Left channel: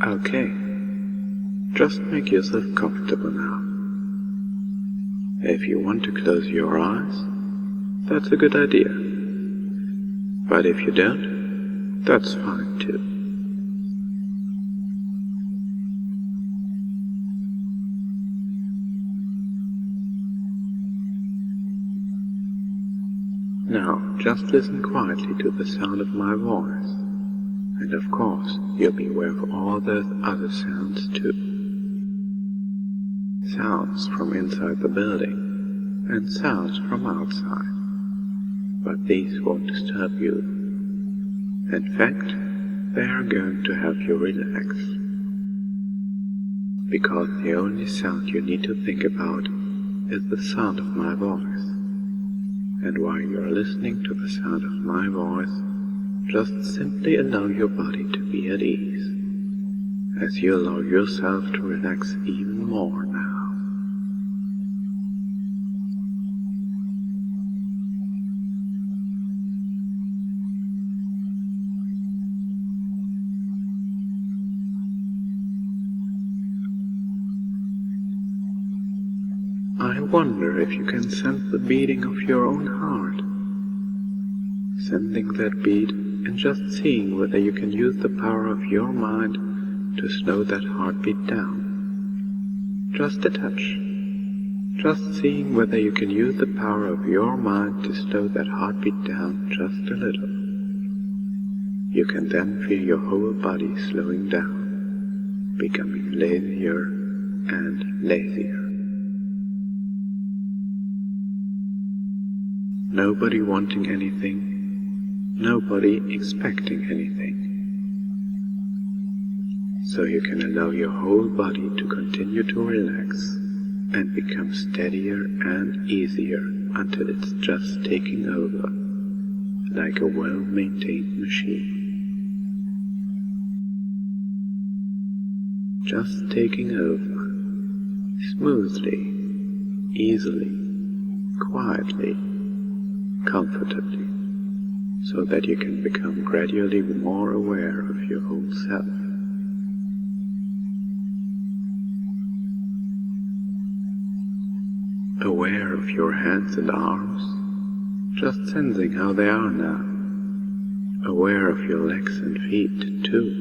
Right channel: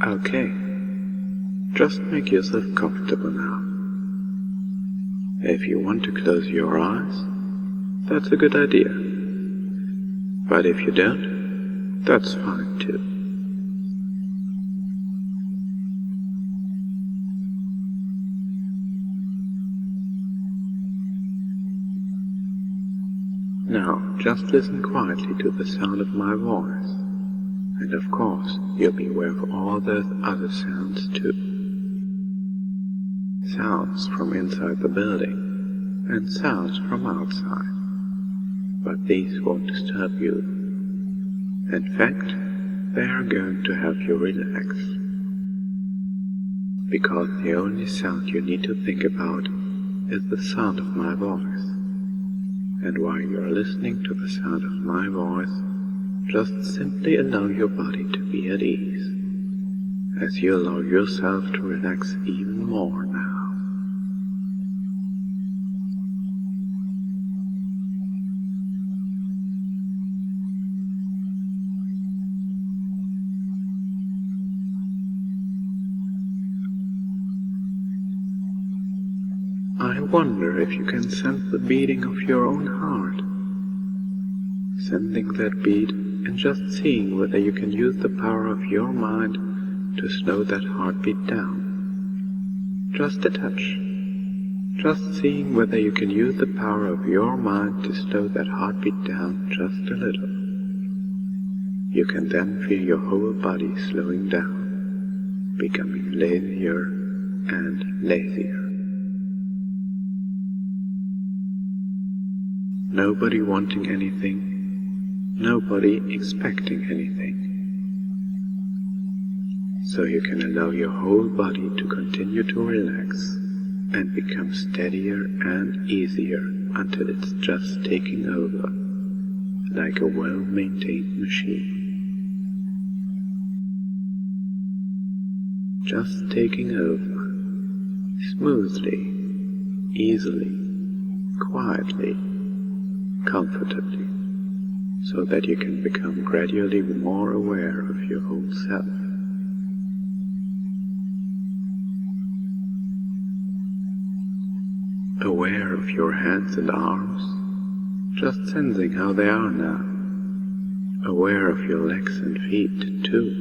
Okay, just make yourself comfortable now. If you want to close your eyes, that's a good idea. But if you don't, that's fine too. Now, just listen quietly to the sound of my voice. And of course, you'll be aware of all those other sounds too. Sounds from inside the building, and sounds from outside. But these won't disturb you. In fact, they are going to help you relax. Because the only sound you need to think about is the sound of my voice. And while you're listening to the sound of my voice, just simply allow your body to be at ease, as you allow yourself to relax even more now. I wonder if you can sense the beating of your own heart. Sensing that beat and just seeing whether you can use the power of your mind to slow that heartbeat down. Just a touch. Just seeing whether you can use the power of your mind to slow that heartbeat down just a little. You can then feel your whole body slowing down, becoming lazier and lazier. Nobody wanting anything, nobody expecting anything. So you can allow your whole body to continue to relax and become steadier and easier until it's just taking over, like a well-maintained machine. Just taking over, smoothly, easily, quietly, comfortably, so that you can become gradually more aware of your whole self. Aware of your hands and arms, just sensing how they are now. Aware of your legs and feet too.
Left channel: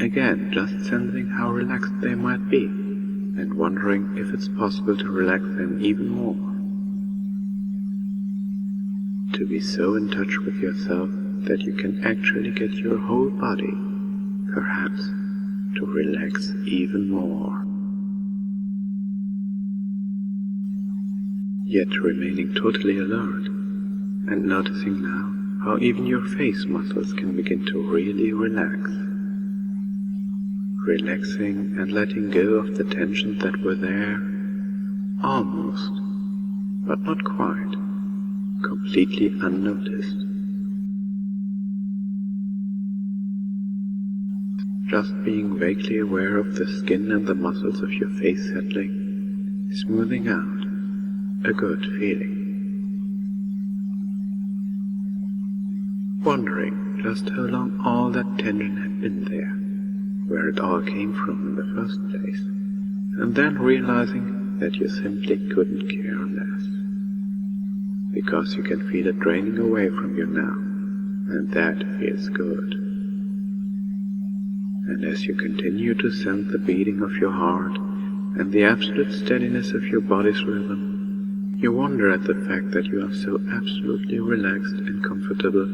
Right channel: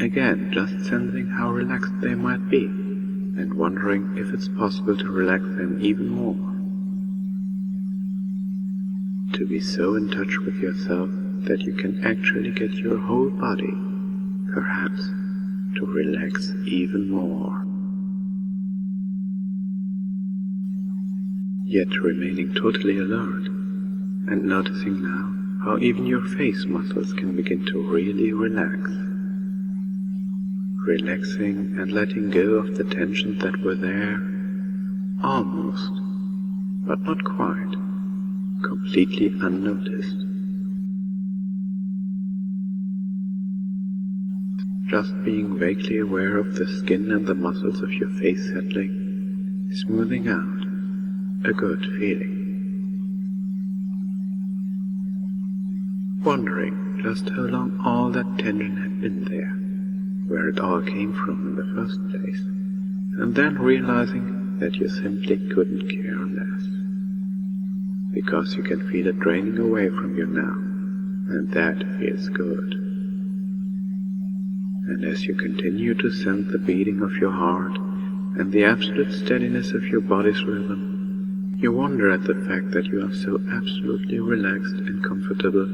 Again, just sensing how relaxed they might be, and wondering if it's possible to relax them even more. To be so in touch with yourself that you can actually get your whole body, perhaps, to relax even more. Yet remaining totally alert, and noticing now how even your face muscles can begin to really relax. Relaxing and letting go of the tensions that were there, almost, but not quite, completely unnoticed. Just being vaguely aware of the skin and the muscles of your face settling, smoothing out, a good feeling. Wondering just how long all that tension had been there, where it all came from in the first place, and then realizing that you simply couldn't care less. Because you can feel it draining away from you now, and that feels good. And as you continue to sense the beating of your heart and the absolute steadiness of your body's rhythm, you wonder at the fact that you are so absolutely relaxed and comfortable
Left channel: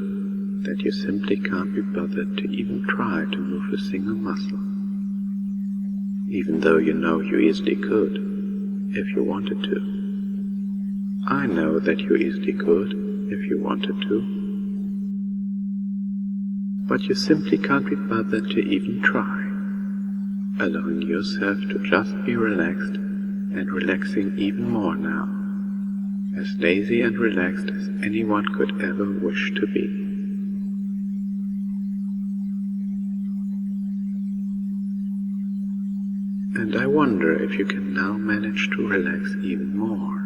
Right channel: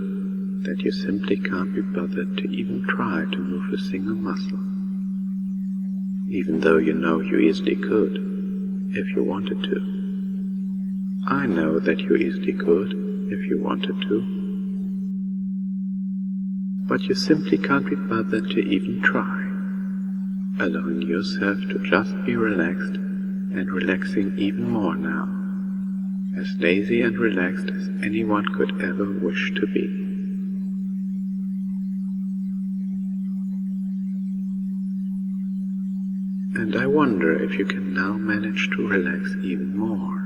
that you simply can't be bothered to even try to move a single muscle. Even though you know you easily could, if you wanted to. I know that you easily could, if you wanted to. But you simply can't be bothered to even try, allowing yourself to just be relaxed and relaxing even more now, as lazy and relaxed as anyone could ever wish to be. And I wonder if you can now manage to relax even more,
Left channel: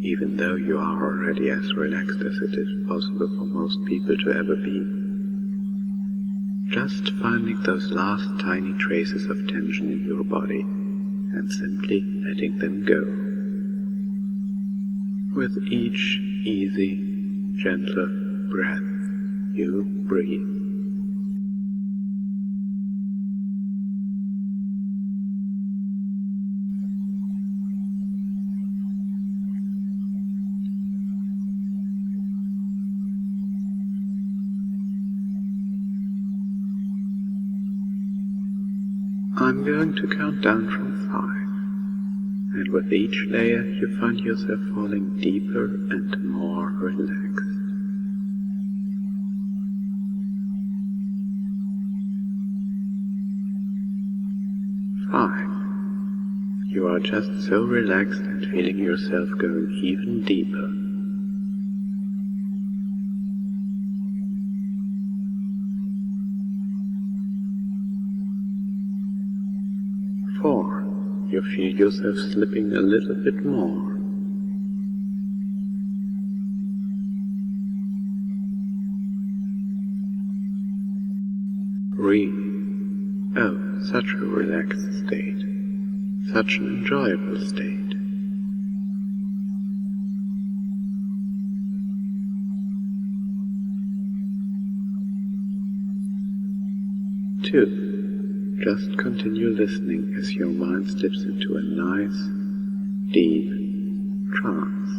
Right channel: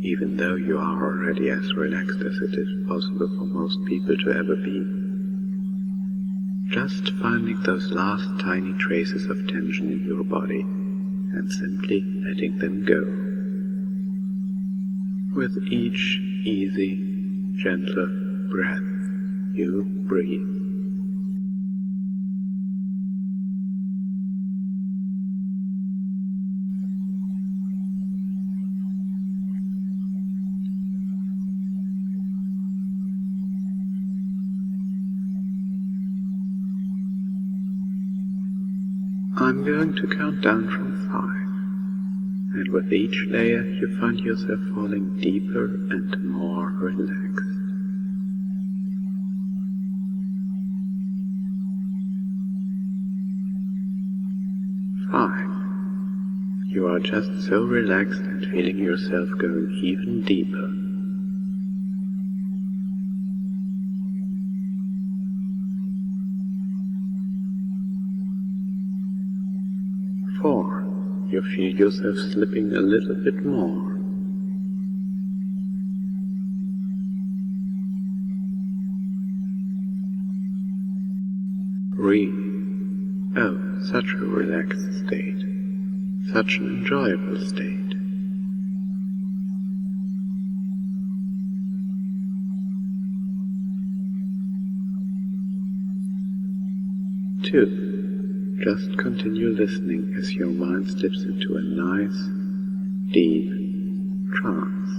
even though you are already as relaxed as it is possible for most people to ever be. just finding those last tiny traces of tension in your body and simply letting them go. With each easy, gentle breath, you breathe. I'm going to count down from 5, and with each layer you find yourself falling deeper and more relaxed. 5. You are just so relaxed and feeling yourself going even deeper. 4. You feel yourself slipping a little bit more. 3. Oh, such a relaxed state. Such an enjoyable state. 2. Just continue listening as your mind slips into a nice, deep trance.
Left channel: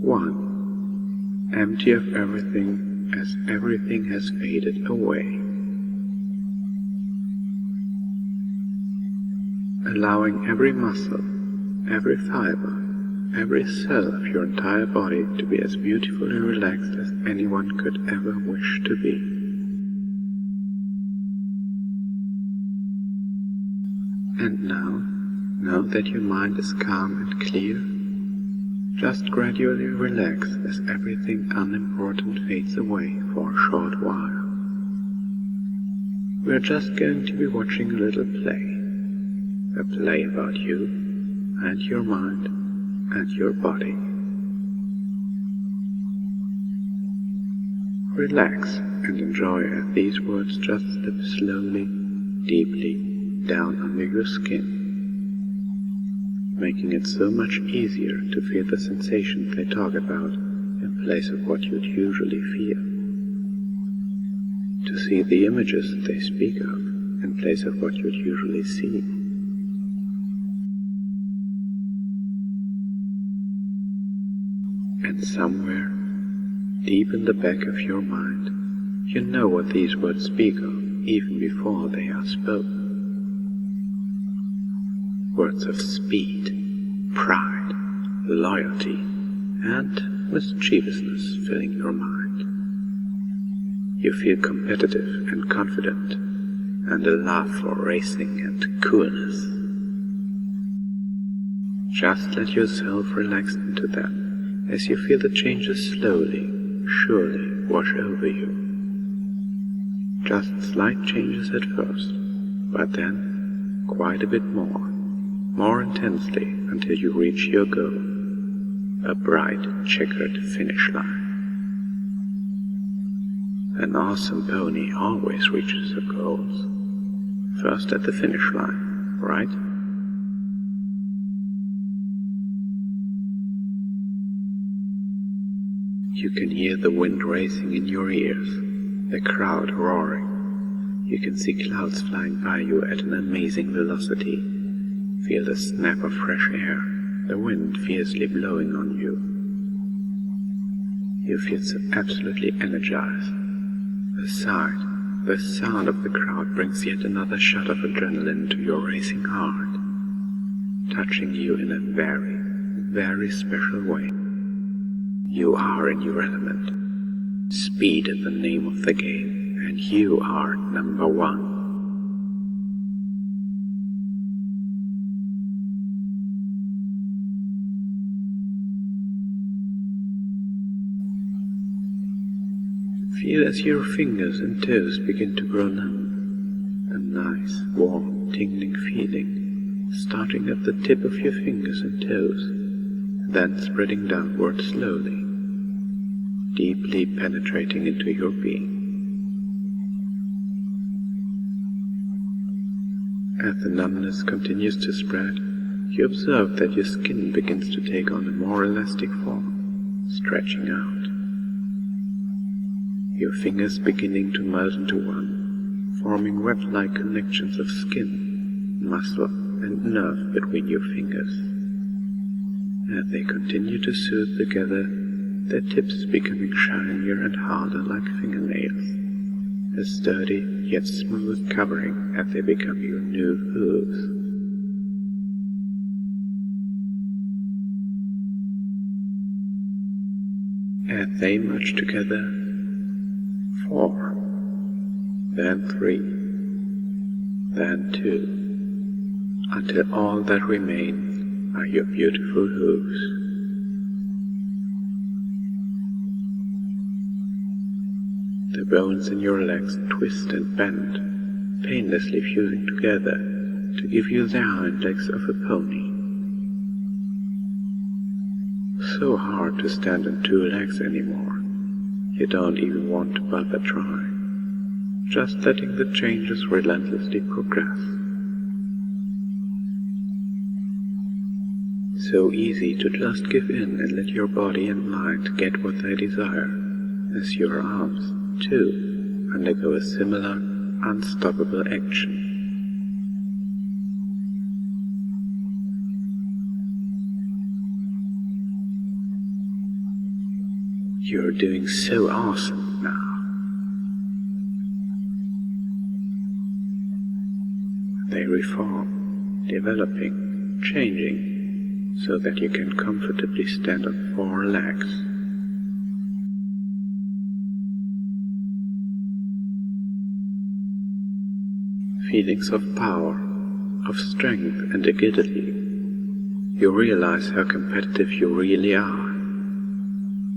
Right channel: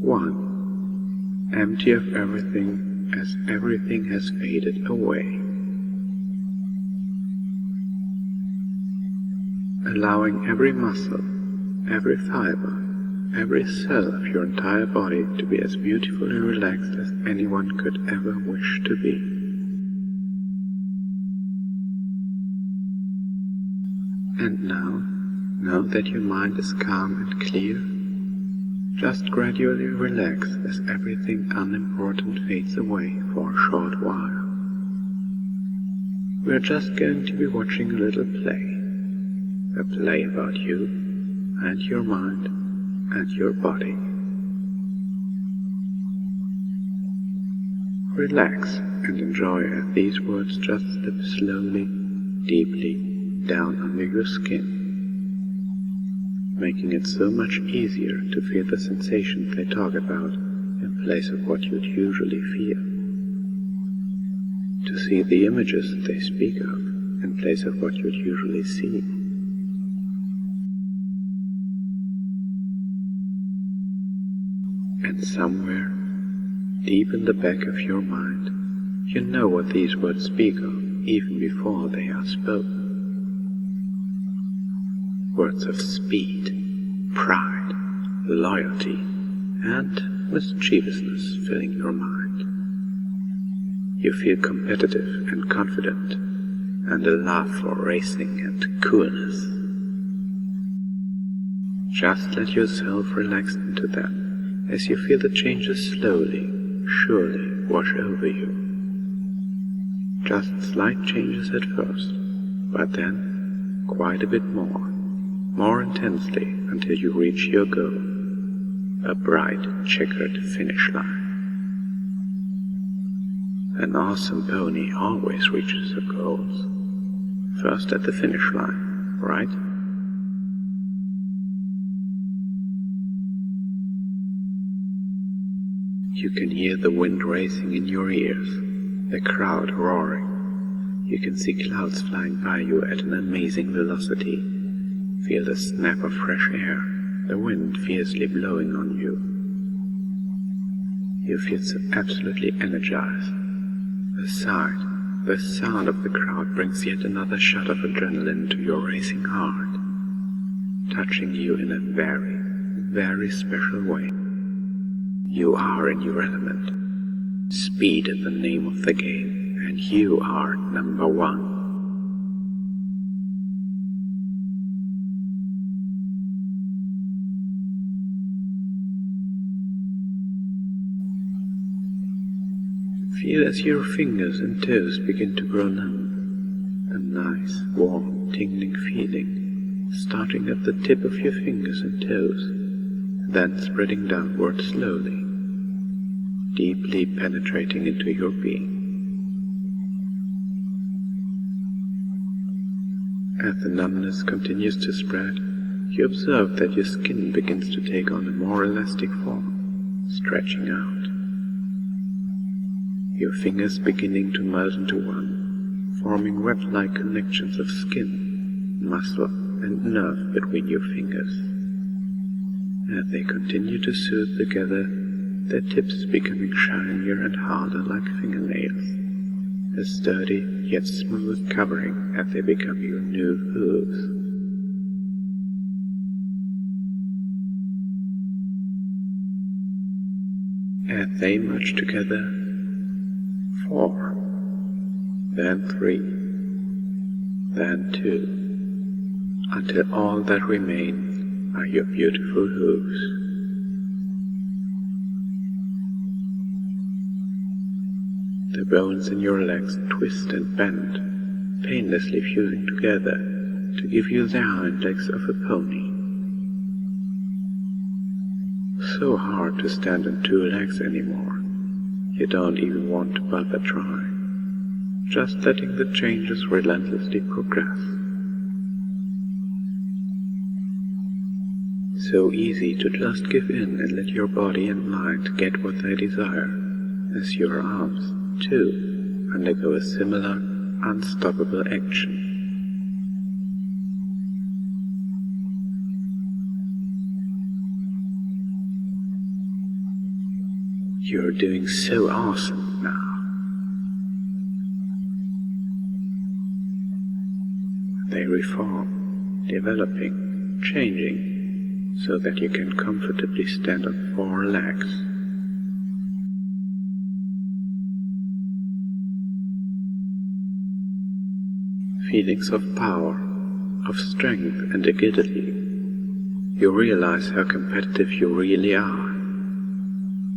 1. Empty of everything as everything has faded away. Allowing every muscle, every fiber, every cell of your entire body to be as beautifully relaxed as anyone could ever wish to be. And now that your mind is calm and clear, just gradually relax as everything unimportant fades away for a short while. We're just going to be watching a little play. A play about you and your mind and your body. Relax and enjoy as these words just slip slowly, deeply down under your skin, making it so much easier to feel the sensations they talk about in place of what you'd usually feel, to see the images they speak of in place of what you'd usually see. And somewhere, deep in the back of your mind, you know what these words speak of even before they are spoken. Words of speed, pride, loyalty, and mischievousness filling your mind. You feel competitive and confident, and a love for racing and coolness. Just let yourself relax into them as you feel the changes slowly, surely wash over you. Just slight changes at first, but then quite a bit more intensely until you reach your goal, a bright checkered finish line. An awesome pony always reaches her goals, first at the finish line, right? You can hear the wind racing in your ears, the crowd roaring. You can see clouds flying by you at an amazing velocity. Feel the snap of fresh air, the wind fiercely blowing on you. You feel so absolutely energized. The sound of the crowd brings yet another shot of adrenaline to your racing heart, touching you in a very, very special way. You are in your element. Speed is the name of the game, and you are number one. Feel as your fingers and toes begin to grow numb. A nice, warm, tingling feeling, starting at the tip of your fingers and toes, and then spreading downward slowly, deeply penetrating into your being. As the numbness continues to spread, you observe that your skin begins to take on a more elastic form, stretching out. Your fingers beginning to melt into one, forming web-like connections of skin, muscle, and nerve between your fingers. As they continue to soothe together, their tips becoming shinier and harder like fingernails, a sturdy yet smooth covering as they become your new hooves. As they merge together, 4, then 3, then 2, until all that remains are your beautiful hooves. The bones in your legs twist and bend, painlessly fusing together to give you the hind legs of a pony. So hard to stand on 2 legs anymore, you don't even want to bother trying, just letting the changes relentlessly progress. So easy to just give in and let your body and mind get what they desire, as your arms, too, undergo a similar, unstoppable action. You're doing so awesome now. They reform, developing, changing, so that you can comfortably stand on 4 legs. Feelings of power, of strength and agility. You realize how competitive you really are.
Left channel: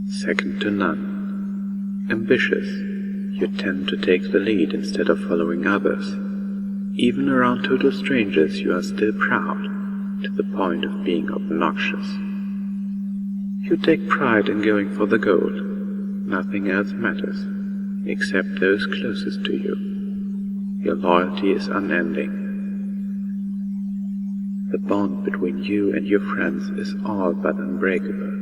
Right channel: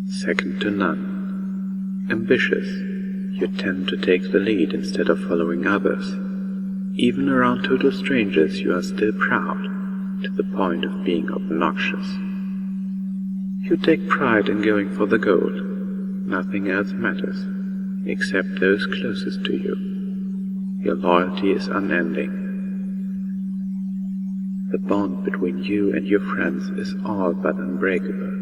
Second to none. Ambitious, you tend to take the lead instead of following others. Even around total strangers you are still proud, to the point of being obnoxious. You take pride in going for the gold. Nothing else matters, except those closest to you. Your loyalty is unending. The bond between you and your friends is all but unbreakable.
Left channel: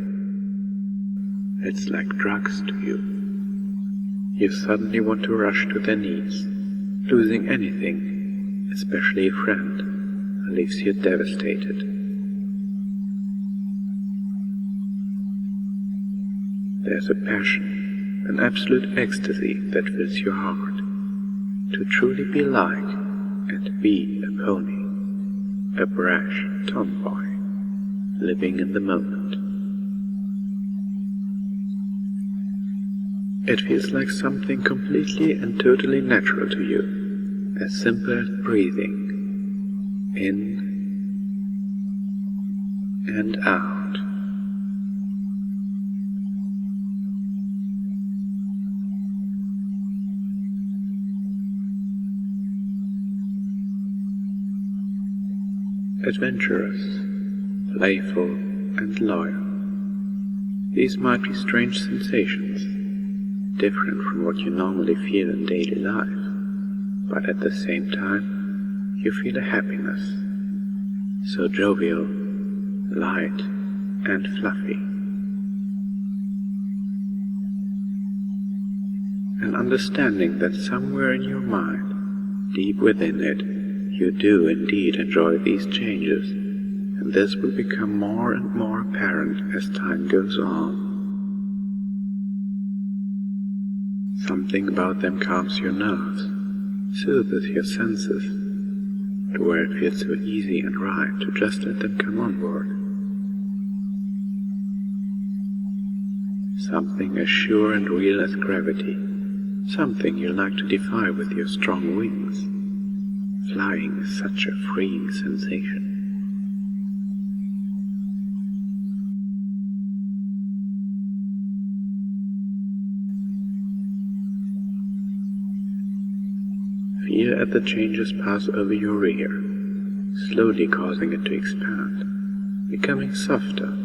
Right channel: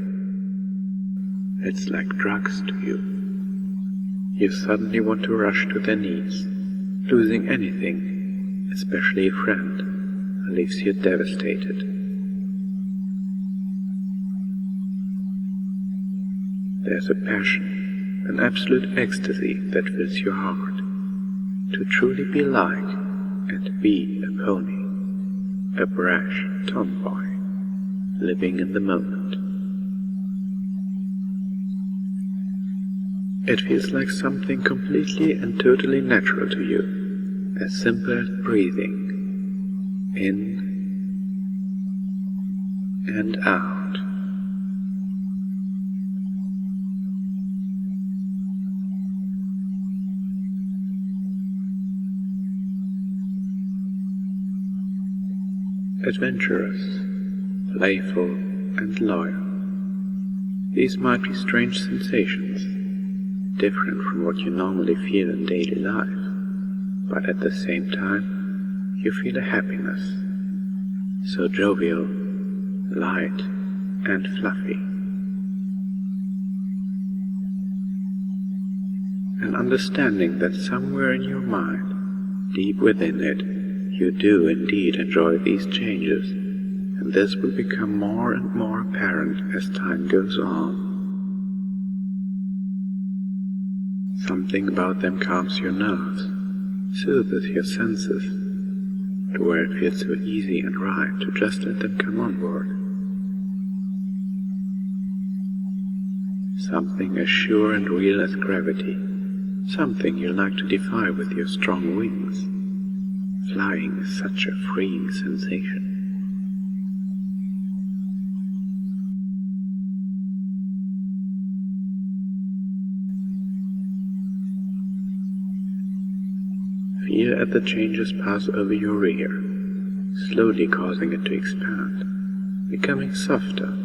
It's like drugs to you. You suddenly want to rush to their knees, losing anything, especially a friend, leaves you devastated. There's a passion, an absolute ecstasy that fills your heart. To truly be like and be a pony, a brash tomboy, living in the moment. It feels like something completely and totally natural to you, as simple as breathing, in and out. Adventurous, playful, and loyal. These might be strange sensations, different from what you normally feel in daily life, but at the same time, you feel a happiness, so jovial, light, and fluffy. An understanding that somewhere in your mind, deep within it, you do indeed enjoy these changes, and this will become more and more apparent as time goes on. Something about them calms your nerves, soothes your senses, to where it feels so easy and right to just let them come on board. Something as sure and real as gravity, something you like to defy with your strong wings. Flying is such a freeing sensation. Feel as the changes pass over your rear, slowly causing it to expand, becoming softer,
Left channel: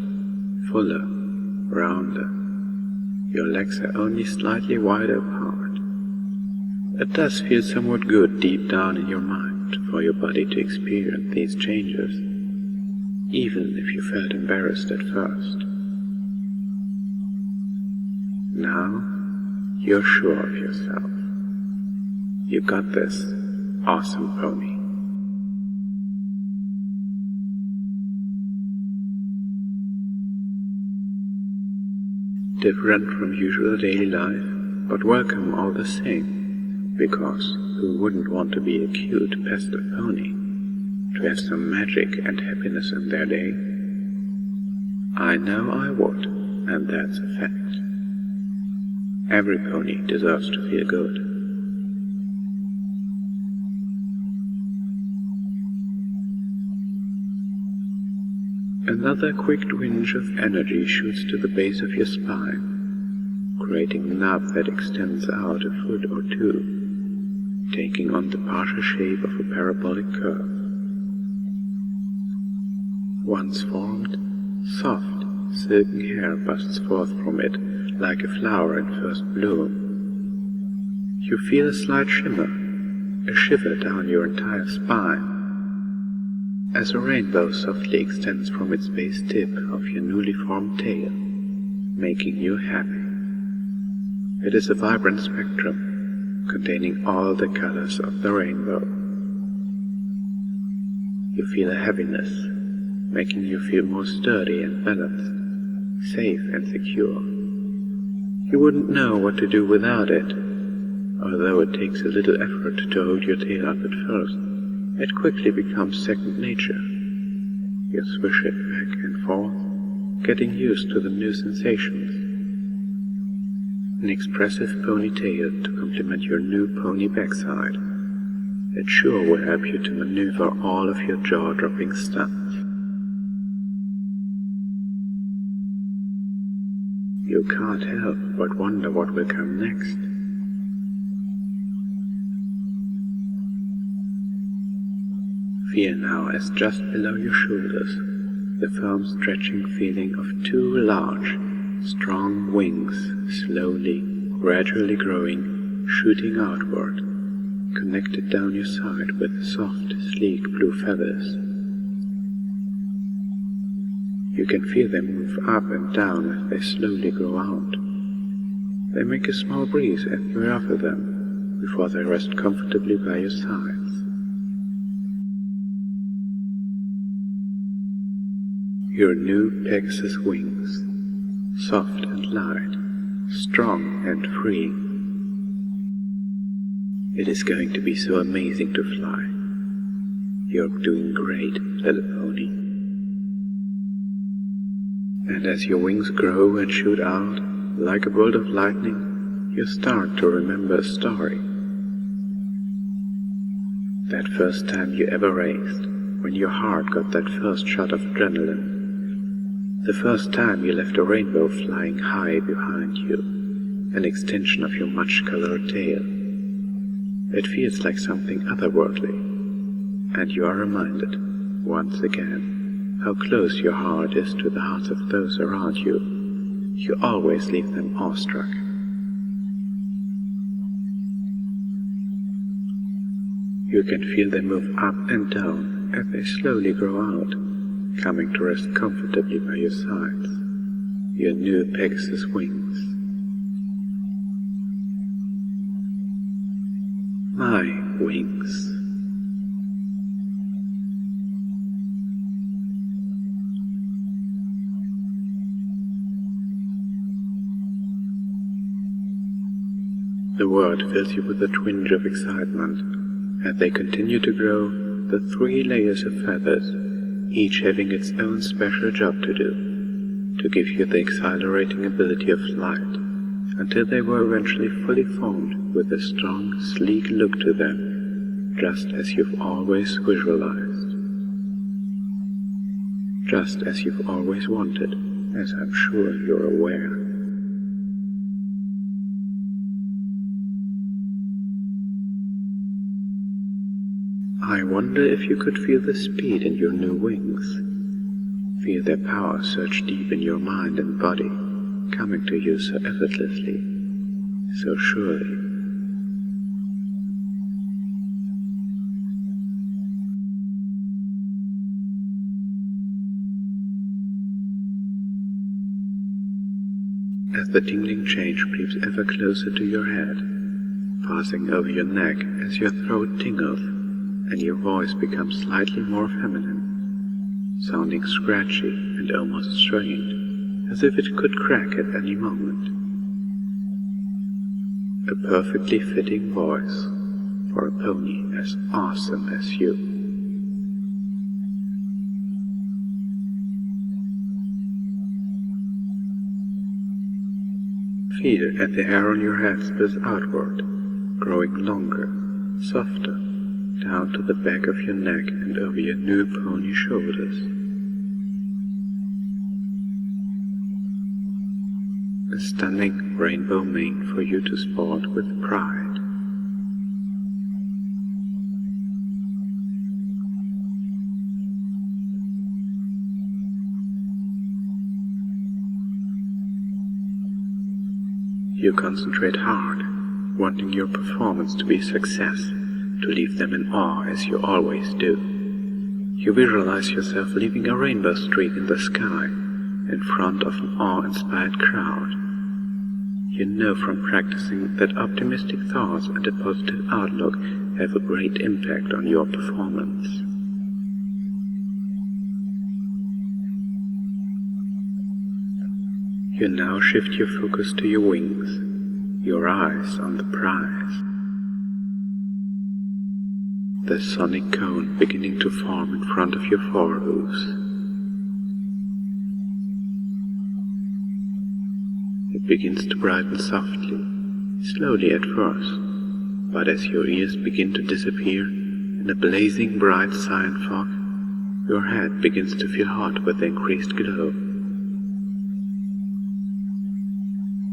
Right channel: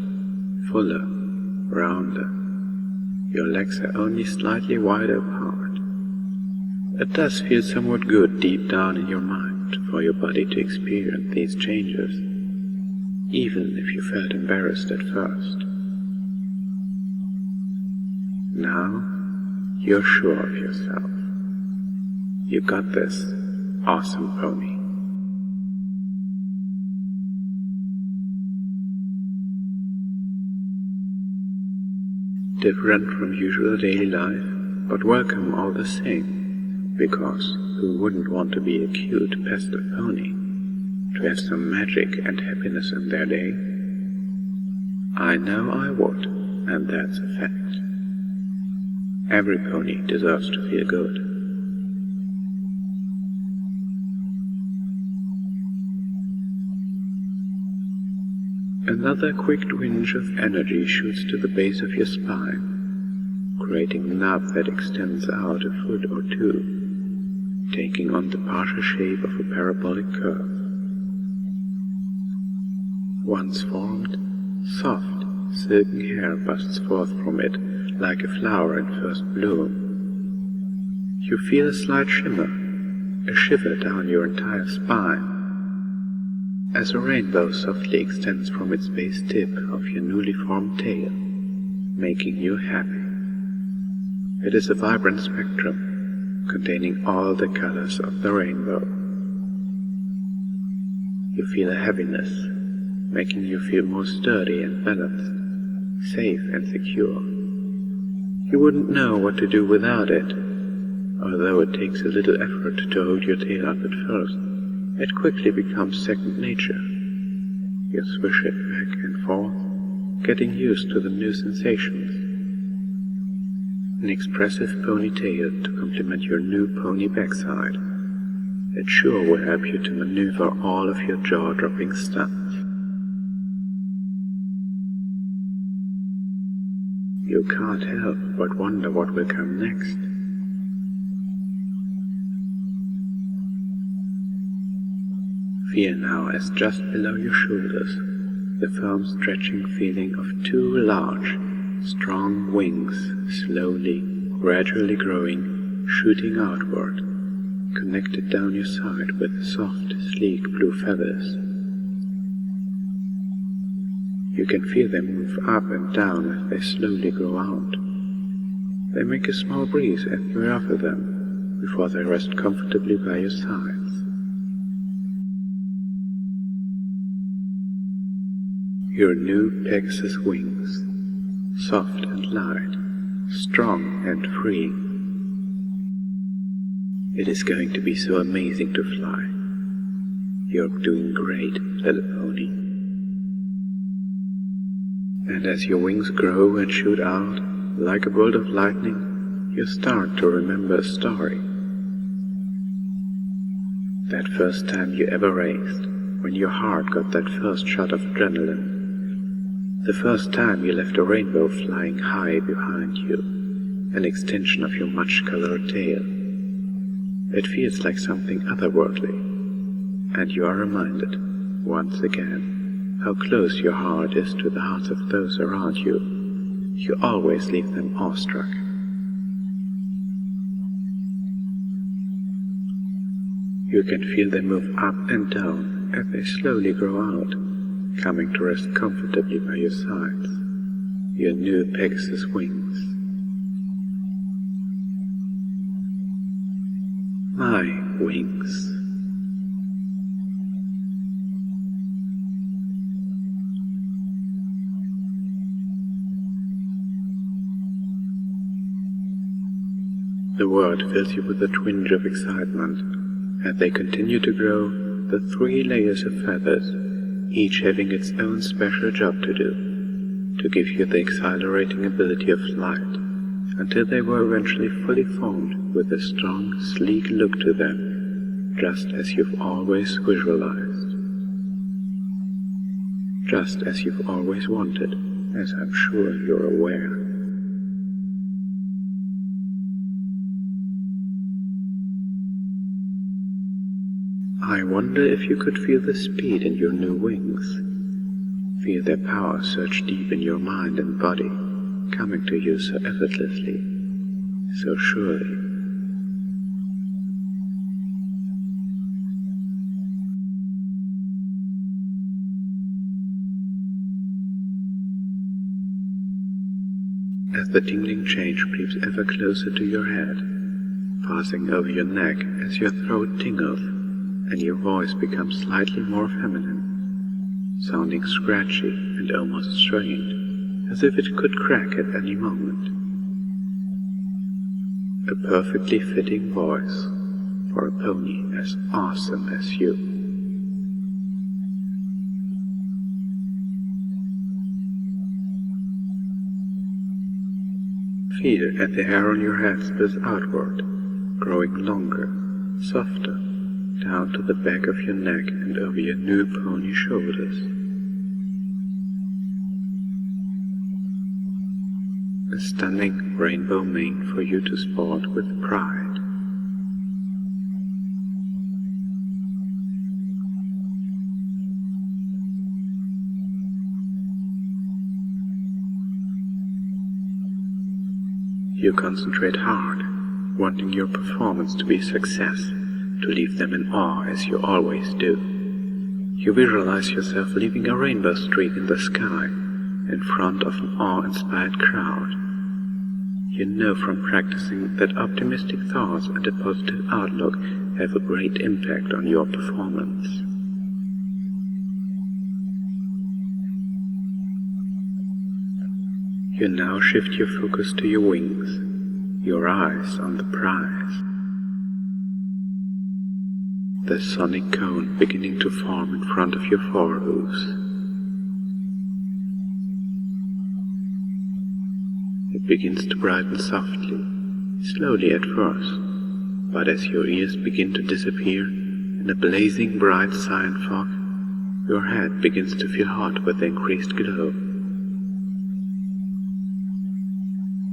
fuller, rounder. Your legs are only slightly wider apart. It does feel somewhat good deep down in your mind for your body to experience these changes, even if you felt embarrassed at first. Now, you're sure of yourself. You got this, awesome pony. Different from usual daily life, but welcome all the same, because who wouldn't want to be a cute pastel pony, to have some magic and happiness in their day? I know I would, and that's a fact. Every pony deserves to feel good. Another quick twinge of energy shoots to the base of your spine, creating a knob that extends out a foot or two, taking on the partial shape of a parabolic curve. Once formed, soft, silken hair busts forth from it like a flower in first bloom. You feel a slight shimmer, a shiver down your entire spine, as a rainbow softly extends from its base tip of your newly formed tail, making you happy. It is a vibrant spectrum, containing all the colors of the rainbow. You feel a heaviness, making you feel more sturdy and balanced, safe and secure. You wouldn't know what to do without it. Although it takes a little effort to hold your tail up at first, it quickly becomes second nature. You swish it back and forth, getting used to the new sensations. An expressive ponytail to complement your new pony backside. It sure will help you to maneuver all of your jaw-dropping stunts. You can't help but wonder what will come next. Feel now as just below your shoulders the firm stretching feeling of two large, strong wings slowly, gradually growing, shooting outward, connected down your side with soft, sleek blue feathers. You can feel them move up and down as they slowly grow out. They make a small breeze as you ruffle them, before they rest comfortably by your sides. Your new Pegasus wings, soft and light, strong and free. It is going to be so amazing to fly. You're doing great, little pony. And as your wings grow and shoot out, like a bolt of lightning, you start to remember a story. That first time you ever raced, when your heart got that first shot of adrenaline. The first time you left a rainbow flying high behind you, an extension of your much-colored tail. It feels like something otherworldly, and you are reminded, once again, how close your heart is to the hearts of those around you. You always leave them awestruck. You can feel them move up and down as they slowly grow out, coming to rest comfortably by your sides, your new Pegasus wings. My wings. The word fills you with a twinge of excitement as they continue to grow, the 3 layers of feathers, each having its own special job to do, to give you the exhilarating ability of flight, until they were eventually fully formed with a strong, sleek look to them, just as you've always visualized. Just as you've always wanted, as I'm sure you're aware. I wonder if you could feel the speed in your new wings. Feel their power surge deep in your mind and body, coming to you so effortlessly, so surely. As the tingling change creeps ever closer to your head, passing over your neck as your throat tingles and your voice becomes slightly more feminine, sounding scratchy and almost strained, as if it could crack at any moment. A perfectly fitting voice for a pony as awesome as you. Feel as the hair on your head spills outward, growing longer, softer, down to the back of your neck and over your new pony shoulders. A stunning rainbow mane for you to sport with pride. You concentrate hard, wanting your performance to be a success, to leave them in awe as you always do. You visualize yourself leaving a rainbow streak in the sky in front of an awe-inspired crowd. You know from practicing that optimistic thoughts and a positive outlook have a great impact on your performance. You now shift your focus to your wings, your eyes on the prize. The sonic cone beginning to form in front of your forehooves. It begins to brighten softly, slowly at first, but as your ears begin to disappear in a blazing bright cyan fog, your head begins to feel hot with the increased glow.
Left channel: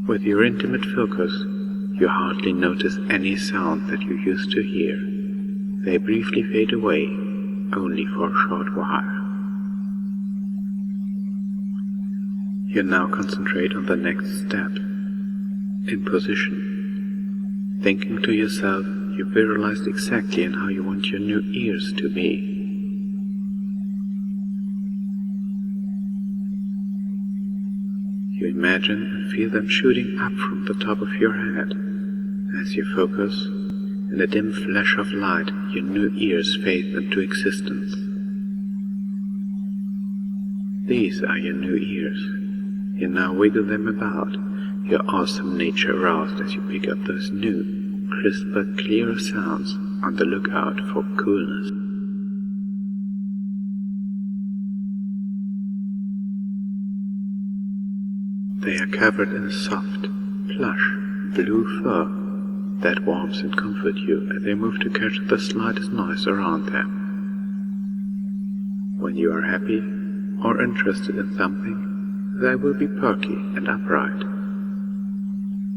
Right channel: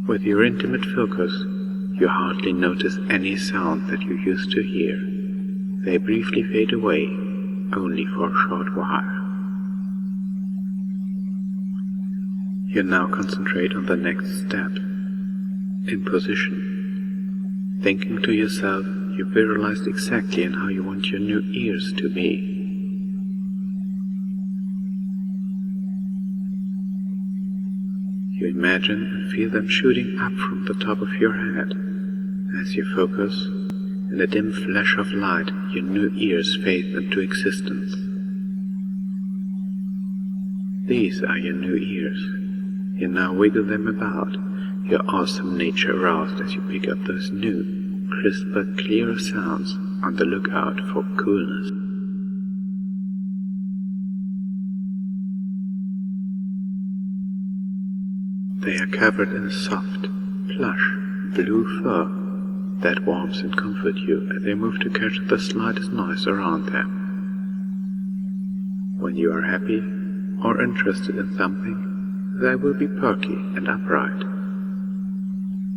With your intimate focus, you hardly notice any sound that you used to hear. They briefly fade away, only for a short while. You now concentrate on the next step, in position. Thinking to yourself, you visualized exactly in how you want your new ears to be. You imagine and feel them shooting up from the top of your head. As you focus, in a dim flash of light, your new ears fade into existence. These are your new ears. You now wiggle them about, your awesome nature aroused as you pick up those new, crisper, clearer sounds, on the lookout for coolness. They are covered in a soft, plush, blue fur that warms and comforts you as they move to catch the slightest noise around them. When you are happy or interested in something, they will be perky and upright.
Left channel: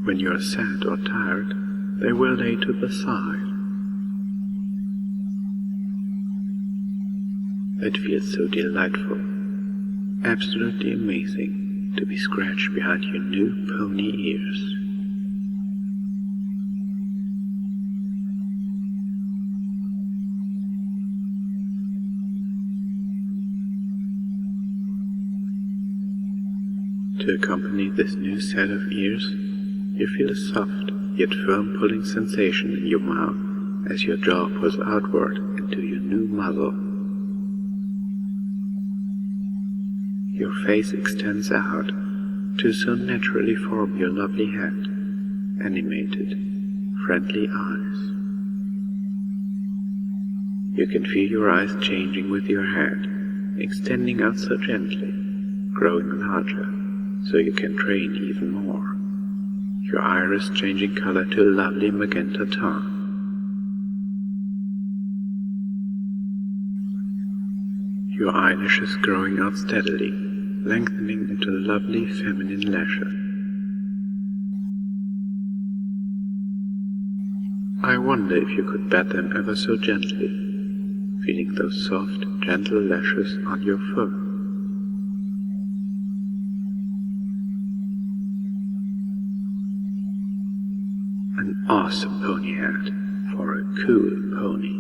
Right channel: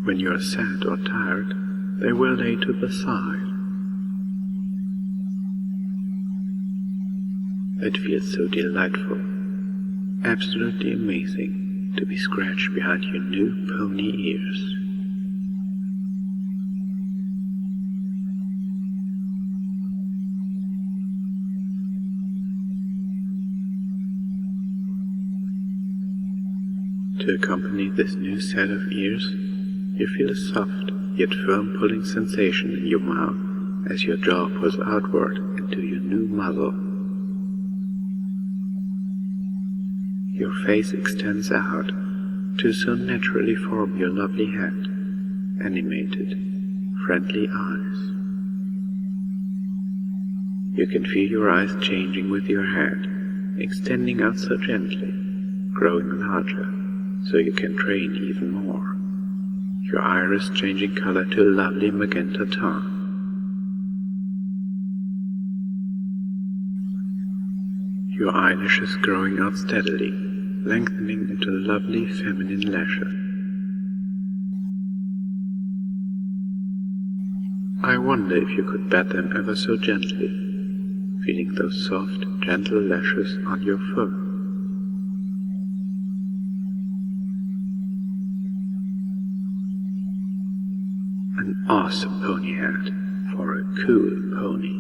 When you are sad or tired, they will lay to the side. It feels so delightful, absolutely amazing, to be scratched behind your new pony ears. To accompany this new set of ears, you feel a soft yet firm pulling sensation in your mouth as your jaw pulls outward into your new muzzle. Your face extends out to so naturally form your lovely head, animated, friendly eyes. You can feel your eyes changing with your head, extending out so gently, growing larger, so you can train even more. Your iris changing color to a lovely magenta tone. Your eyelashes growing out steadily, lengthening into lovely feminine lashes. I wonder if you could bat them ever so gently, feeling those soft, gentle lashes on your fur. awesome pony hat for a cool pony.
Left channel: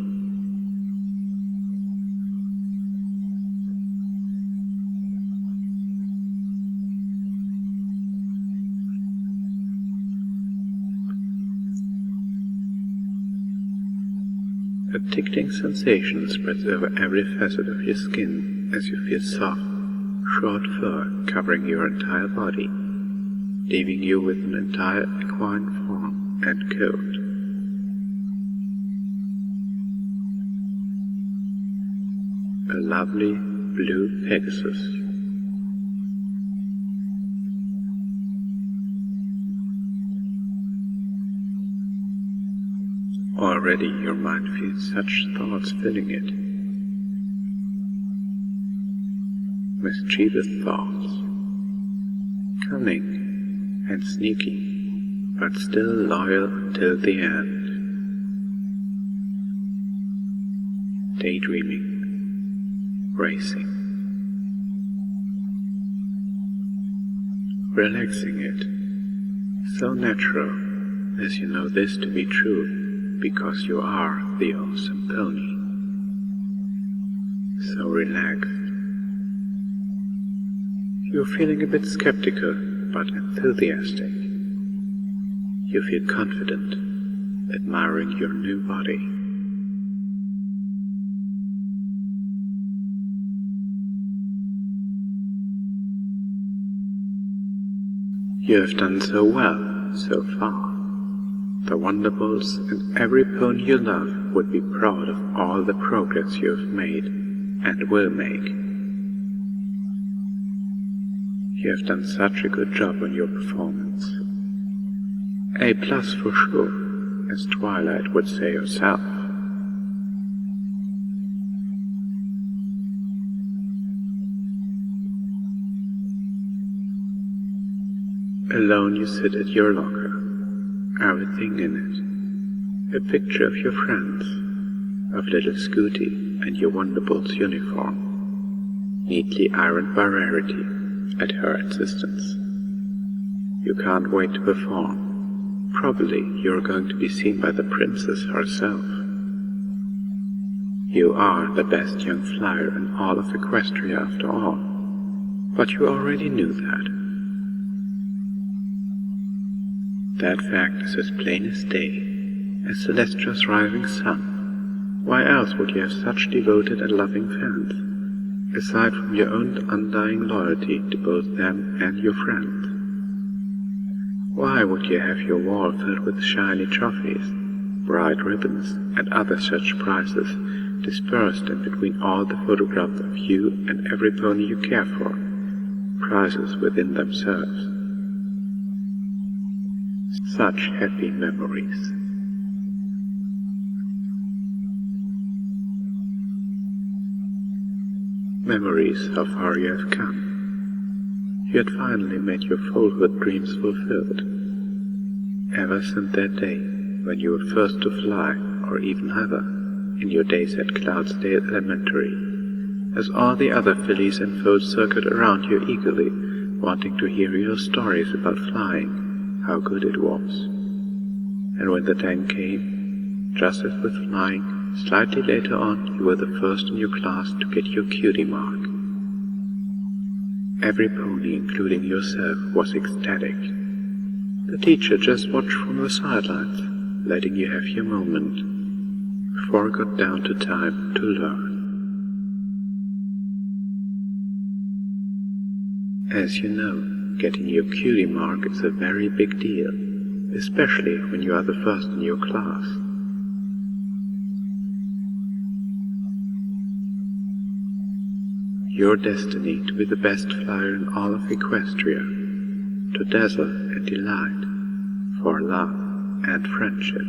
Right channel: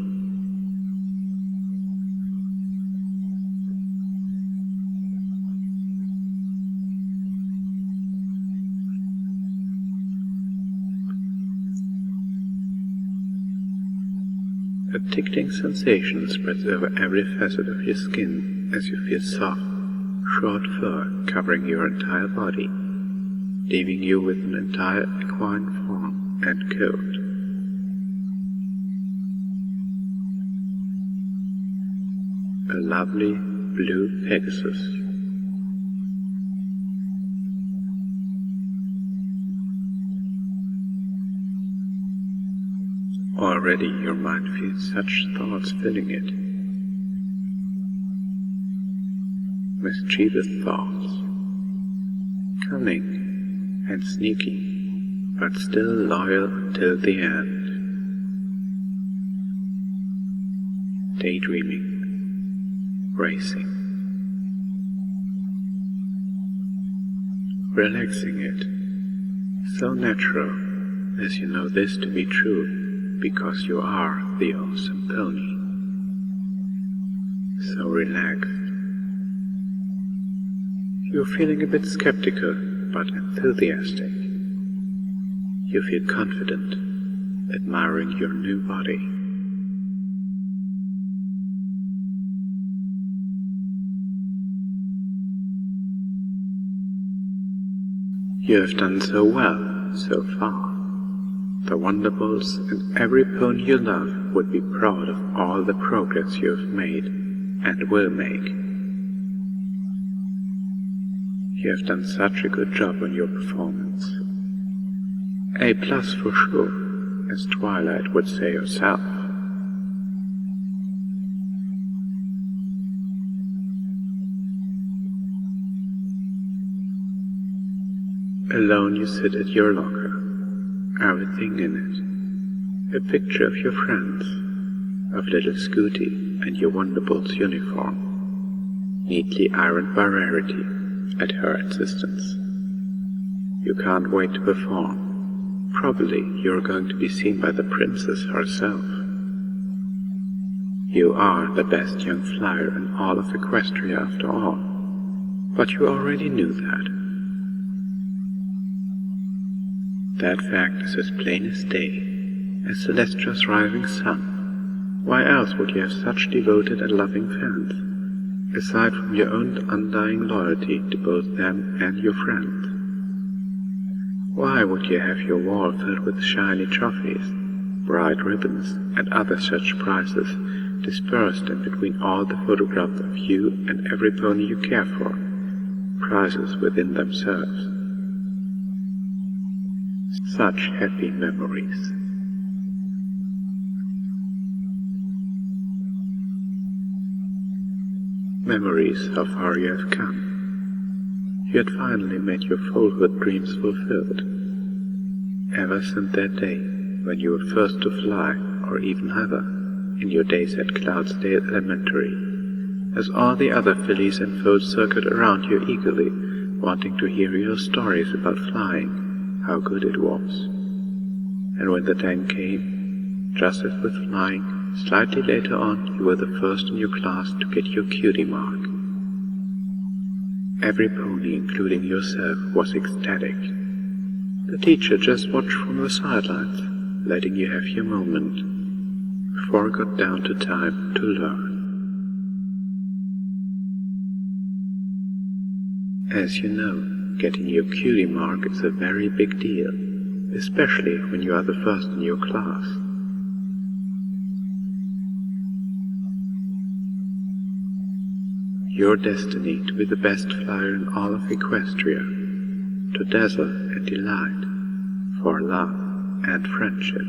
A tickling sensation spreads over every facet of your skin as you feel soft, short fur covering your entire body, leaving you with an entire equine form and coat. A lovely blue Pegasus. Already your mind feels such thoughts filling it. Mischievous thoughts, cunning and sneaky, but still loyal until the end. Daydreaming, racing, relaxing it, so natural as you know this to be true. Because you are the awesome pony. So relaxed. You're feeling a bit skeptical, but enthusiastic. You feel confident, admiring your new body. You have done so well, so far. The Wonderbolts and every pony you love would be proud of all the progress you have made and will make. You have done such a good job on your performance. A+ for sure, as Twilight would say herself. Alone you sit at your locker. Everything in it. A picture of your friends, of little Scooty and your Wonderbolts uniform, neatly ironed by Rarity at her insistence. You can't wait to perform. Probably you're going to be seen by the princess herself. You are the best young flyer in all of Equestria after all, but you already knew that. That fact is as plain as day, as Celestia's rising sun. Why else would you have such devoted and loving fans, aside from your own undying loyalty to both them and your friends? Why would you have your wall filled with shiny trophies, bright ribbons, and other such prizes dispersed in between all the photographs of you and every pony you care for, prizes within themselves? Such happy memories. Memories how far you have come. You had finally made your foalhood dreams fulfilled. Ever since that day when you were first to fly, or even ever, in your days at Cloudsdale Elementary, as all the other fillies and foals circled around you eagerly, wanting to hear your stories about flying, how good it was. And when the time came, just as with flying, slightly later on you were the first in your class to get your cutie mark. Every pony, including yourself, was ecstatic. The teacher just watched from the sidelines, letting you have your moment, before it got down to time to learn. As you know, getting your cutie mark is a very big deal, especially when you are the first in your class. Your destiny to be the best flyer in all of Equestria, to dazzle and delight, for love and friendship.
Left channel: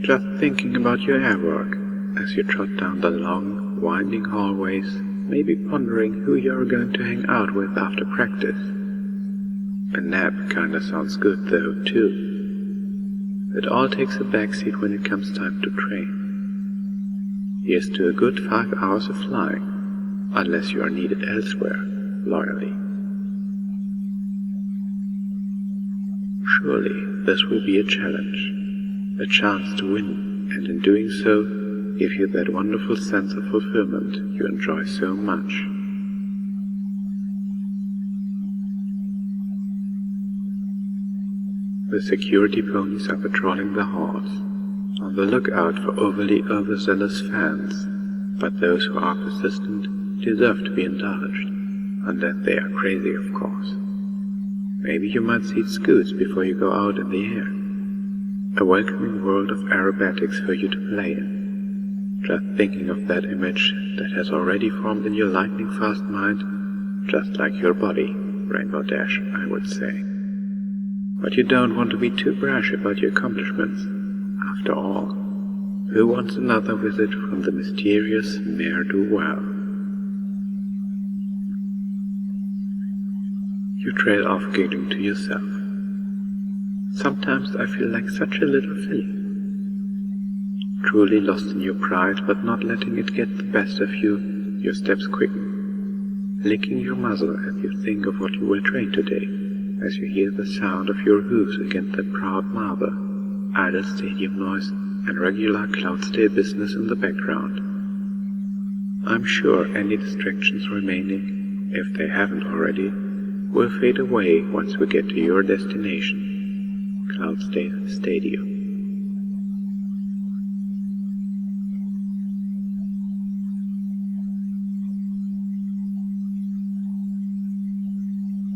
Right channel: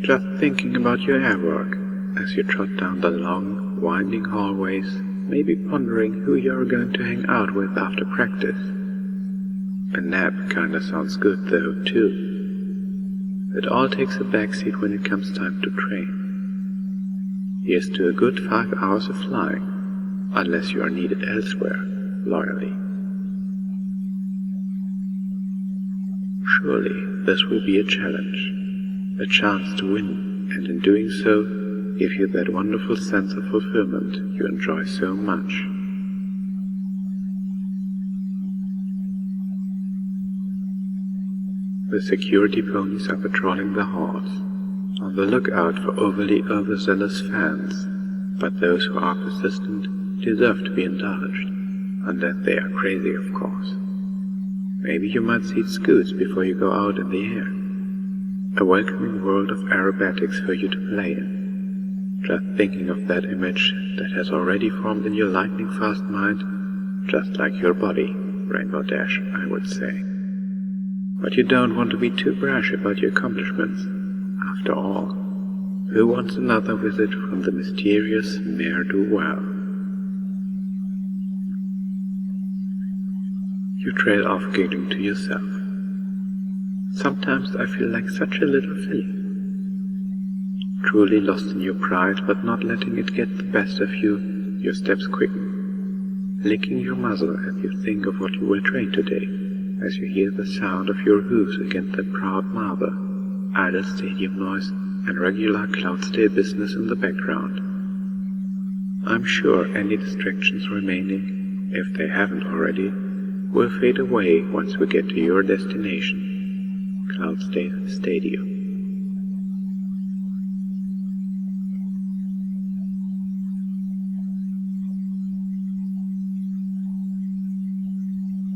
Just thinking about your airwork as you trot down the long, winding hallways, maybe pondering who you're going to hang out with after practice. A nap kinda sounds good though, too. It all takes a backseat when it comes time to train. Here's to a good 5 hours of flying, unless you are needed elsewhere, loyally. Surely this will be a challenge, a chance to win, and in doing so, give you that wonderful sense of fulfillment you enjoy so much. The security ponies are patrolling the halls, on the lookout for overly overzealous fans, but those who are persistent deserve to be indulged, unless they are crazy, of course. Maybe you might seat scoots before you go out in the air. A welcoming world of aerobatics for you to play in. Just thinking of that image that has already formed in your lightning-fast mind, just like your body, Rainbow Dash, I would say. But you don't want to be too brash about your accomplishments. After all, who wants another visit from the mysterious ne'er-do-well? You trail off giggling to yourself. Sometimes I feel like such a little filly. Truly lost in your pride, but not letting it get the best of you, your steps quicken, licking your muzzle as you think of what you will train today, as you hear the sound of your hooves against that proud marble, idle stadium noise, and regular Cloudsdale business in the background. I'm sure any distractions remaining, if they haven't already, will fade away once we get to your destination, Cloudsdale Stadium.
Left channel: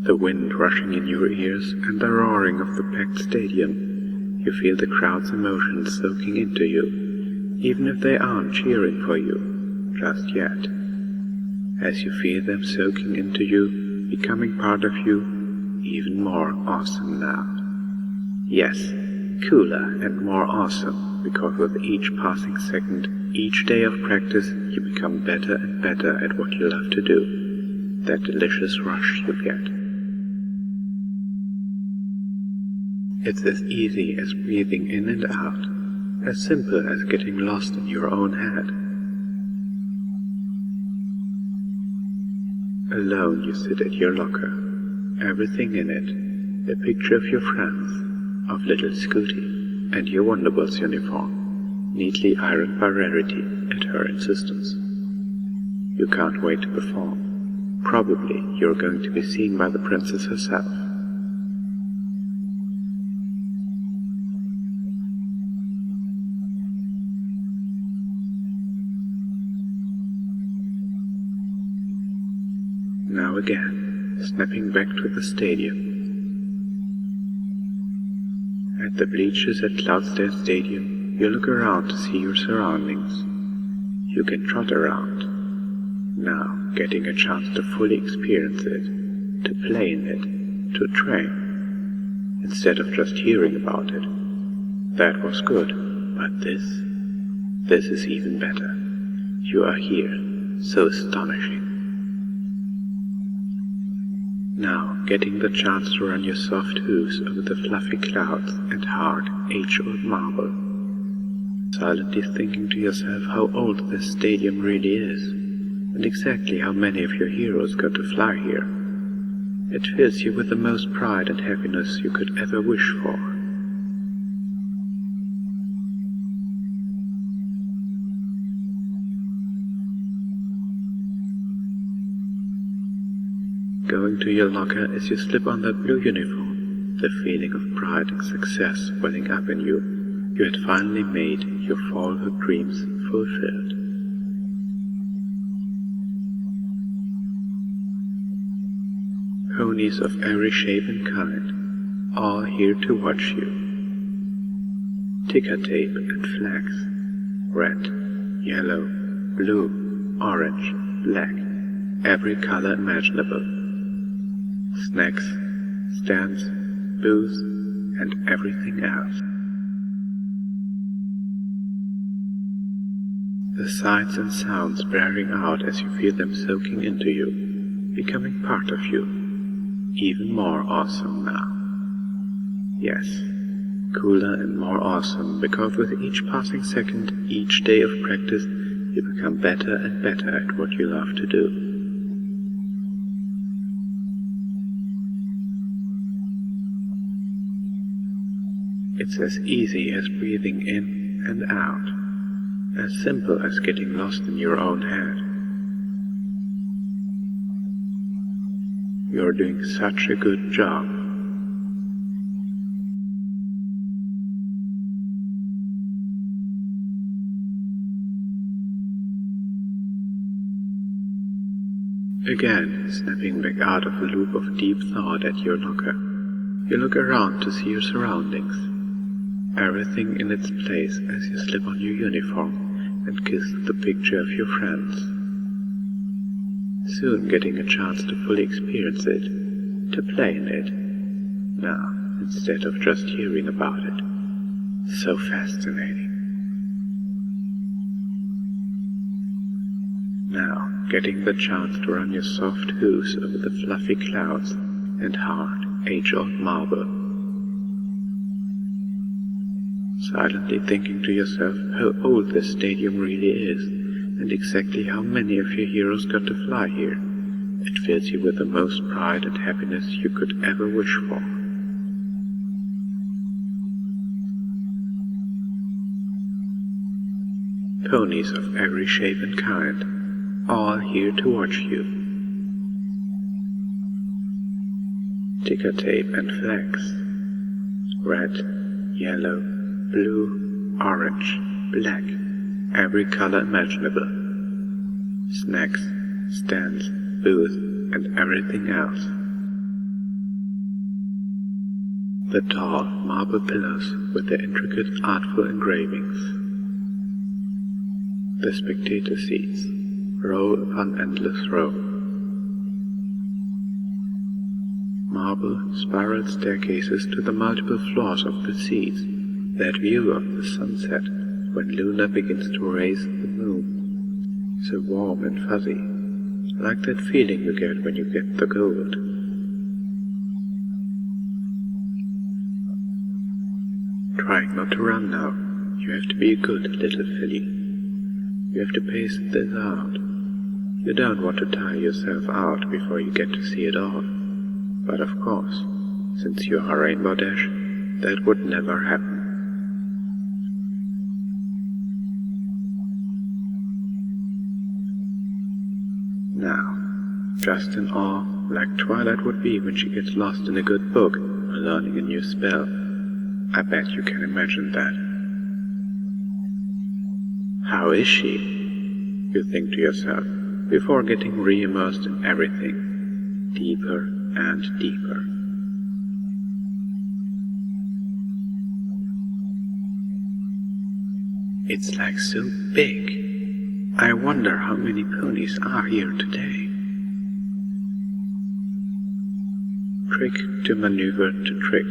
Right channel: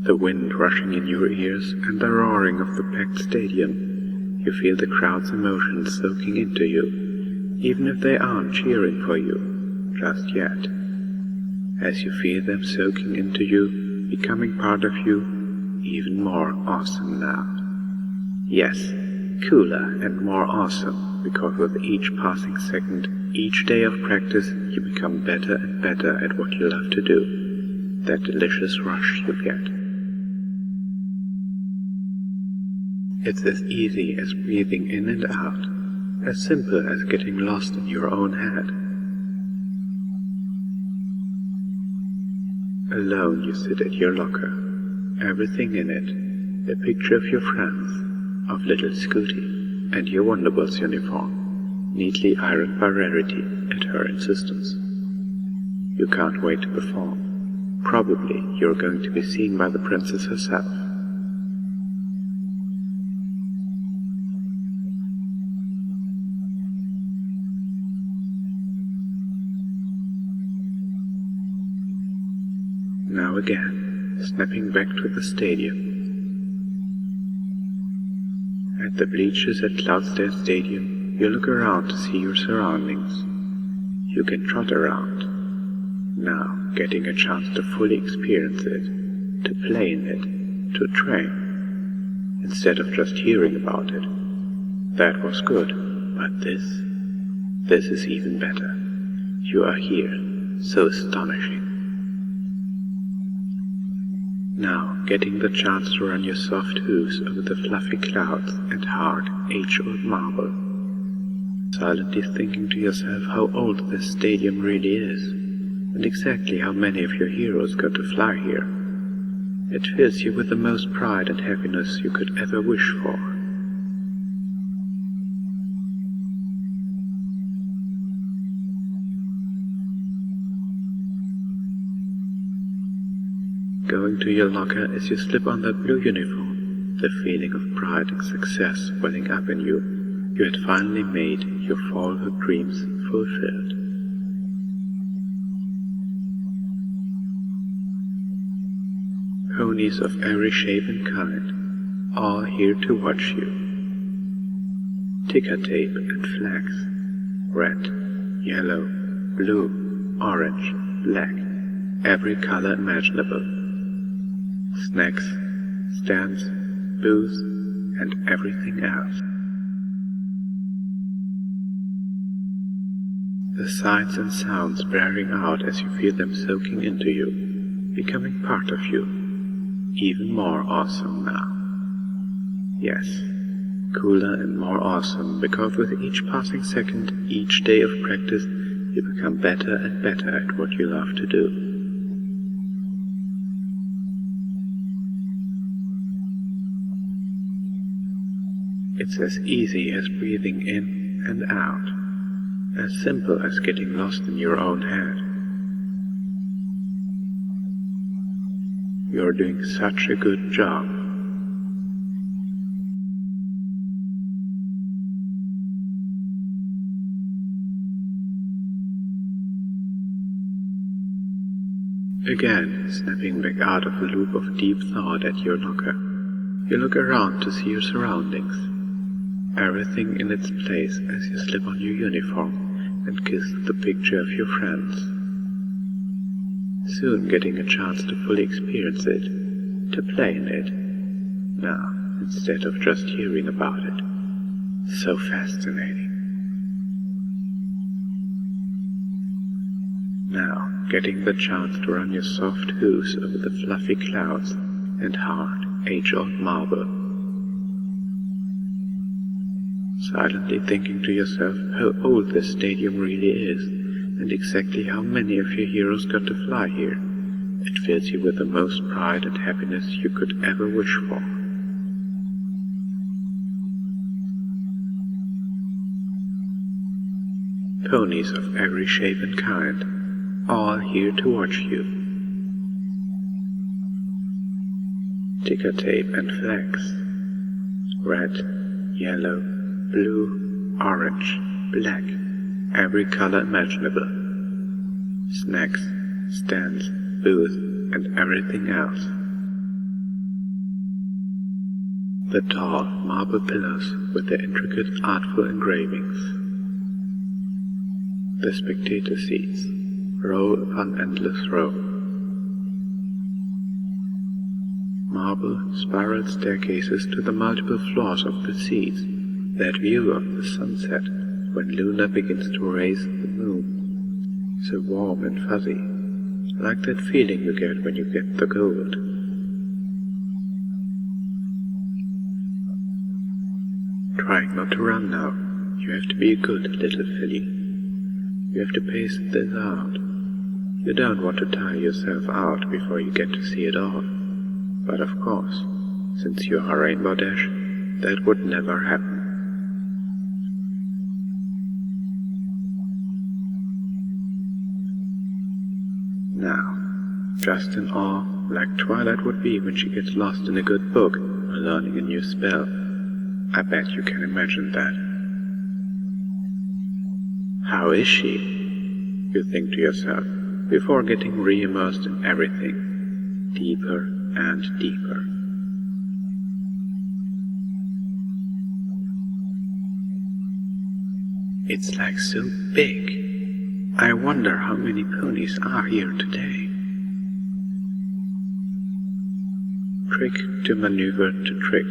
The wind rushing in your ears and the roaring of the packed stadium, you feel the crowd's emotions soaking into you, even if they aren't cheering for you, just yet. As you feel them soaking into you, becoming part of you, even more awesome now. Yes, cooler and more awesome, because with each passing second, each day of practice, you become better and better at what you love to do. That delicious rush you get. It's as easy as breathing in and out, as simple as getting lost in your own head. Alone you sit at your locker, everything in it, a picture of your friends, of little Scooty, and your Wonderbolts uniform, neatly ironed by Rarity at her insistence. You can't wait to perform. Probably you're going to be seen by the princess herself. Now again, snapping back to the stadium. At the bleachers at Cloudsdale Stadium, you look around to see your surroundings. You can trot around, now getting a chance to fully experience it, to play in it, to train, instead of just hearing about it. That was good, but this is even better. You are here, so astonishing. Now, getting the chance to run your soft hooves over the fluffy clouds and hard, age-old marble. Silently thinking to yourself how old this stadium really is, and exactly how many of your heroes got to fly here. It fills you with the most pride and happiness you could ever wish for. Going to your locker as you slip on that blue uniform, the feeling of pride and success welling up in you. You had finally made your childhood dreams fulfilled. Ponies of every shape and kind, all here to watch you. Ticker tape and flags, red, yellow, blue, orange, black, every color imaginable. Snacks, stands, booths, and everything else. The sights and sounds blaring out as you feel them soaking into you, becoming part of you, even more awesome now. Yes, cooler and more awesome, because with each passing second, each day of practice, you become better and better at what you love to do. It's as easy as breathing in and out, as simple as getting lost in your own head. You're doing such a good job. Again, snapping back out of a loop of deep thought at your locker, you look around to see your surroundings, everything in its place as you slip on your uniform and kiss the picture of your friends. Soon getting a chance to fully experience it, to play in it, now instead of just hearing about it. So fascinating. Now getting the chance to run your soft hooves over the fluffy clouds and hard, age-old marble. Silently thinking to yourself how old this stadium really is, and exactly how many of your heroes got to fly here, it fills you with the most pride and happiness you could ever wish for. Ponies of every shape and kind, all here to watch you. Ticker tape and flags. Red, yellow, blue, orange, black, every color imaginable. Snacks, stands, booths, and everything else. The tall marble pillars with their intricate artful engravings. The spectator seats, row upon endless row. Marble spiral staircases to the multiple floors of the seats, that view of the sunset when Luna begins to raise the moon, so warm and fuzzy, like that feeling you get when you get the gold. Trying not to run now, you have to be a good little filly. You have to pace this out. You don't want to tire yourself out before you get to see it all. But of course, since you are Rainbow Dash, that would never happen. Now, just in awe, like Twilight would be when she gets lost in a good book or learning a new spell. I bet you can imagine that. How is she? You think to yourself, before getting re-immersed in everything, deeper and deeper. It's like so big. I wonder how many ponies are here today. Trick to maneuver to trick,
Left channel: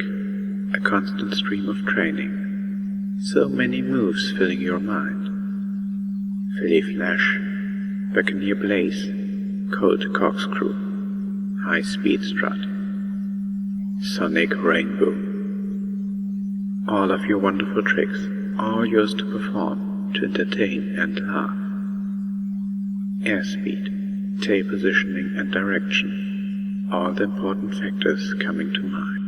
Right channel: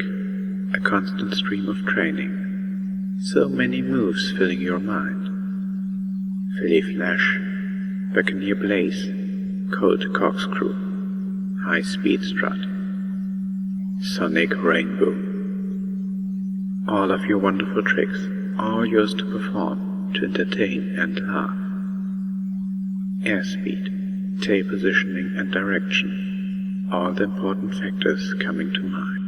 a constant stream of training. So many moves filling your mind. Filly Flash, Buccaneer Blaze, Colt Corkscrew, High Speed Strut, Sonic Rainbow. All of your wonderful tricks, all yours to perform, to entertain and laugh. Airspeed, tail positioning and direction, all the important factors coming to mind.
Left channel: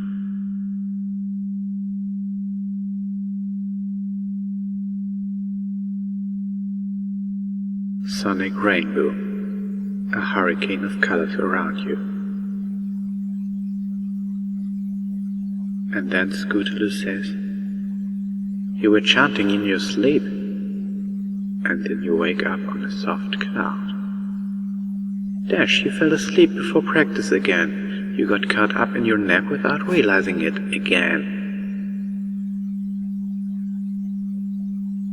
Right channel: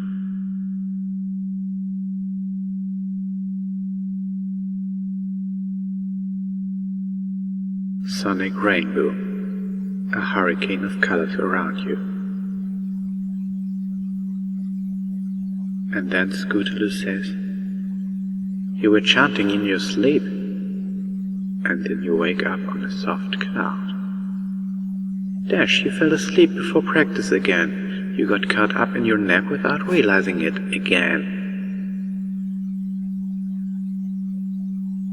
Sonic Rainbow, a hurricane of colors around you. And then Scootaloo says, "You were chanting in your sleep." And then you wake up on a soft cloud. Dash, you fell asleep before practice again. You got caught up in your nap without realizing it again.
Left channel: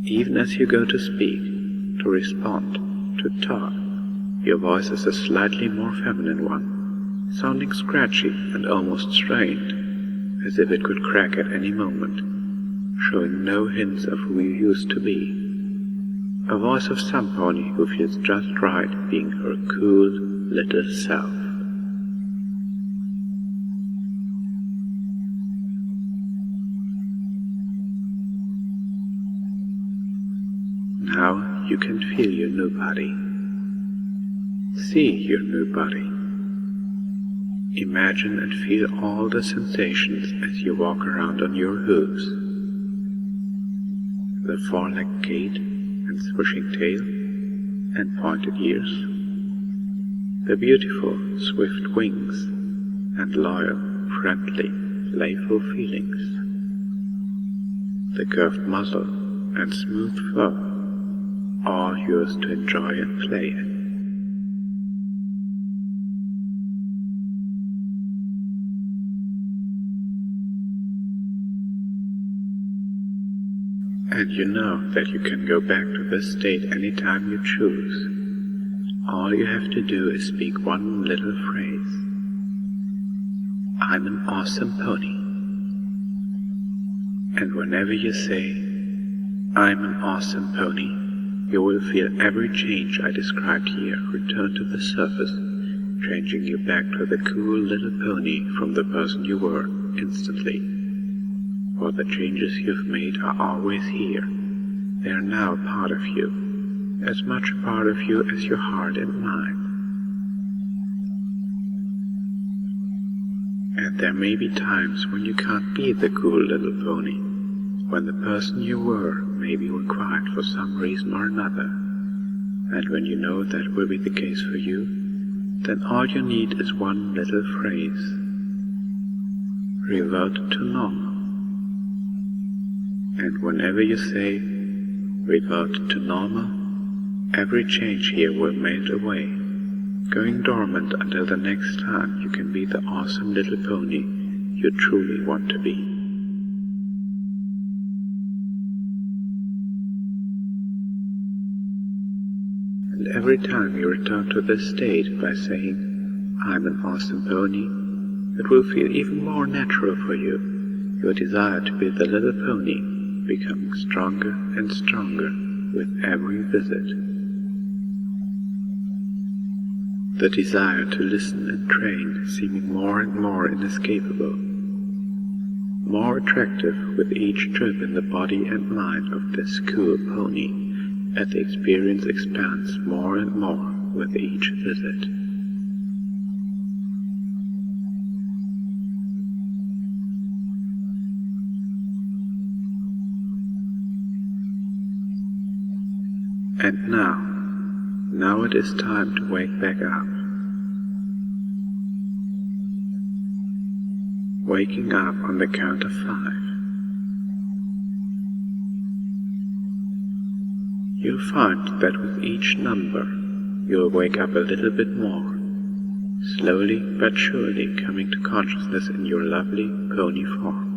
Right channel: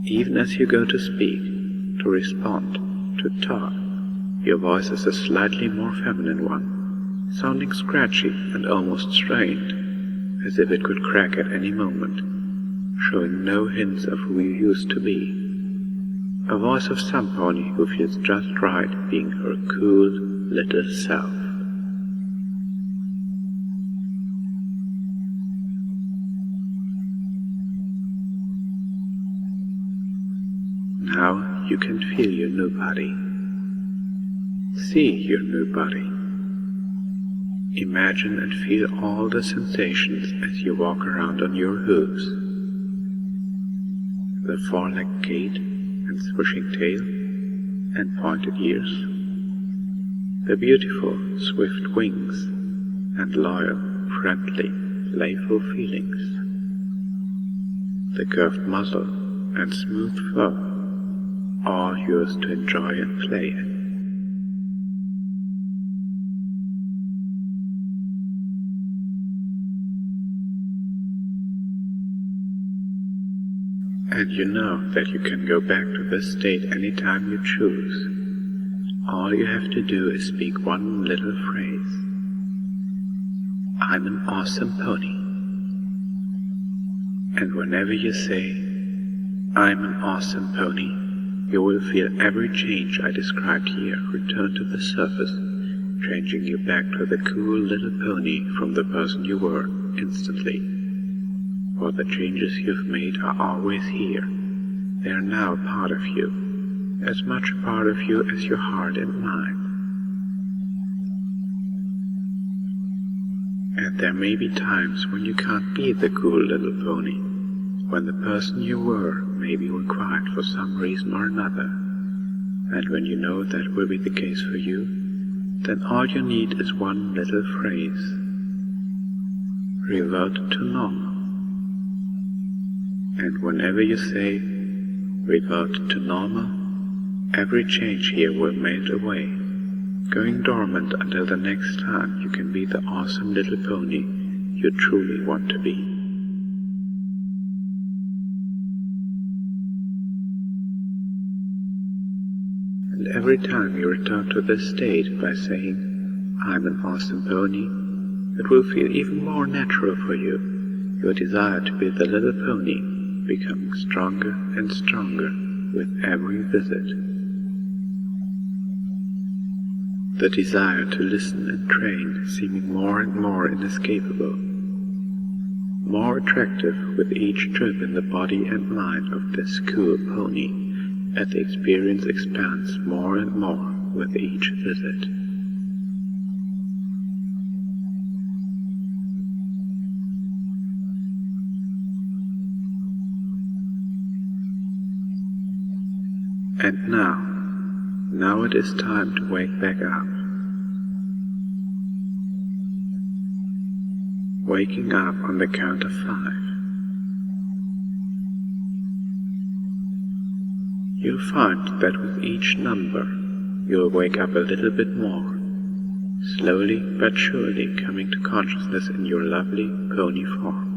Even as you go to speak, to respond, to talk, your voice is a slightly more feminine one, sounding scratchy and almost strained, as if it could crack at any moment, showing no hints of who you used to be. A voice of some pony who feels just right being her cool little self. Now you can feel your new body. See your new body. Imagine and feel all the sensations as you walk around on your hooves. the four-legged gait and swishing tail and pointed ears, the beautiful, swift wings and loyal, friendly, playful feelings, the curved muzzle and smooth fur, all yours to enjoy and play in. And you know that you can go back to this state anytime you choose. All you have to do is speak one little phrase. I'm an awesome pony. And whenever you say, I'm an awesome pony, you will feel every change I described here return to the surface, changing you back to the cool little pony from the person you were instantly. For the changes you've made are always here. They are now a part of you, as much a part of you as your heart and mind. And there may be times when you can't be the cool little pony, when the person you were may be required for some reason or another. And when you know that will be the case for you, then all you need is one little phrase. Revert to normal. And whenever you say, revert to normal, every change here will melt away, going dormant until the next time you can be the awesome little pony you truly want to be. And every time you return to this state by saying, I'm an awesome pony, it will feel even more natural for you, your desire to be the little pony becoming stronger and stronger with every visit. The desire to listen and train seeming more and more inescapable, more attractive with each trip in the body and mind of this cool pony, as the experience expands more and more with each visit. And now it is time to wake back up. Waking up on the count of 5. You'll find that with each number, you'll wake up a little bit more, slowly but surely coming to consciousness in your lovely pony form.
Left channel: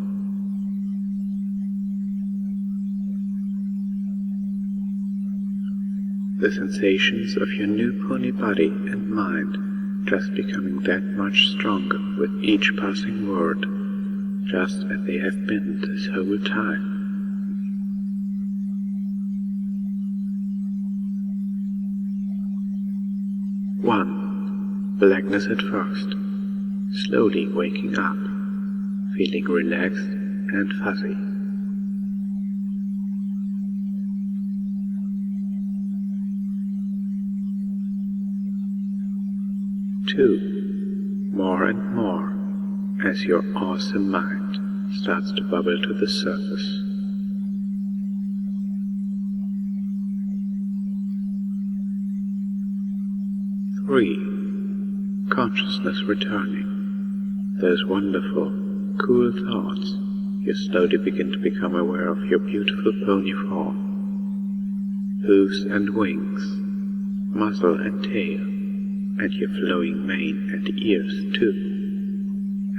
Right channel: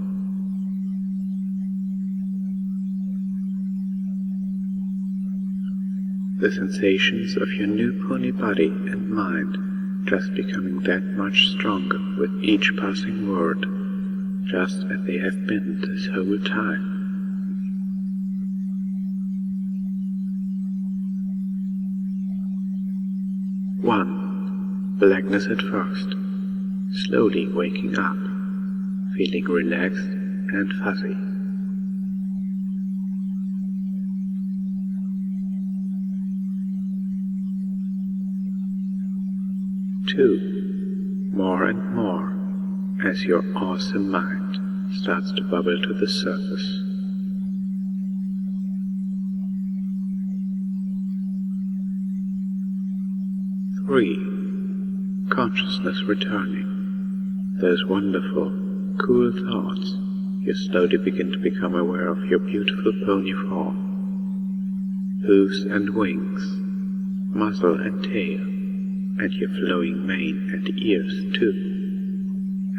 The sensations of your new pony body and mind just becoming that much stronger with each passing word, just as they have been this whole time. One, blackness at first, slowly waking up, feeling relaxed and fuzzy. 2, more and more, as your awesome mind starts to bubble to the surface. 3, consciousness returning. Those wonderful, cool thoughts, you slowly begin to become aware of your beautiful pony form, hooves and wings, muzzle and tail, and your flowing mane and ears too.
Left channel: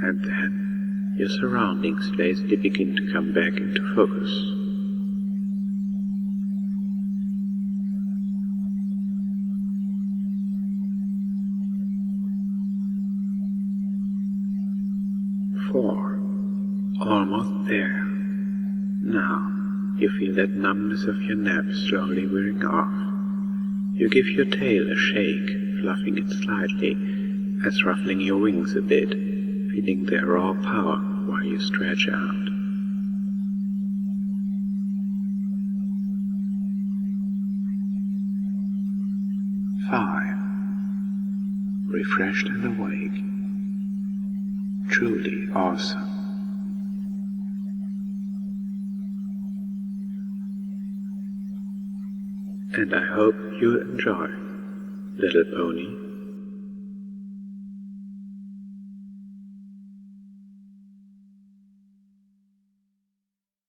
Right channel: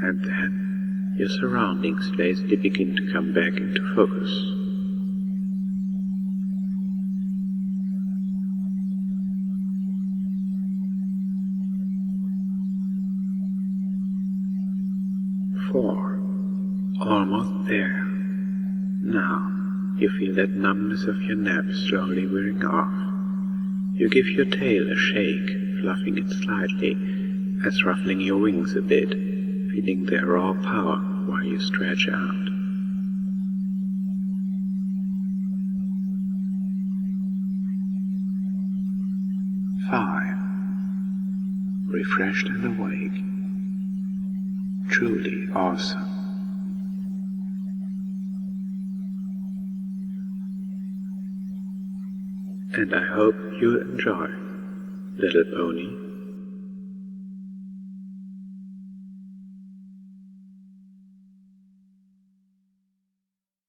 And then your surroundings lazily begin to come back into focus. Four, almost there. Now you feel that numbness of your neck slowly wearing off. You give your tail a shake, fluffing it slightly, as ruffling your wings a bit, feeling their raw power while you stretch out. 5, refreshed and awake. Truly awesome. and I hope you enjoy, little pony.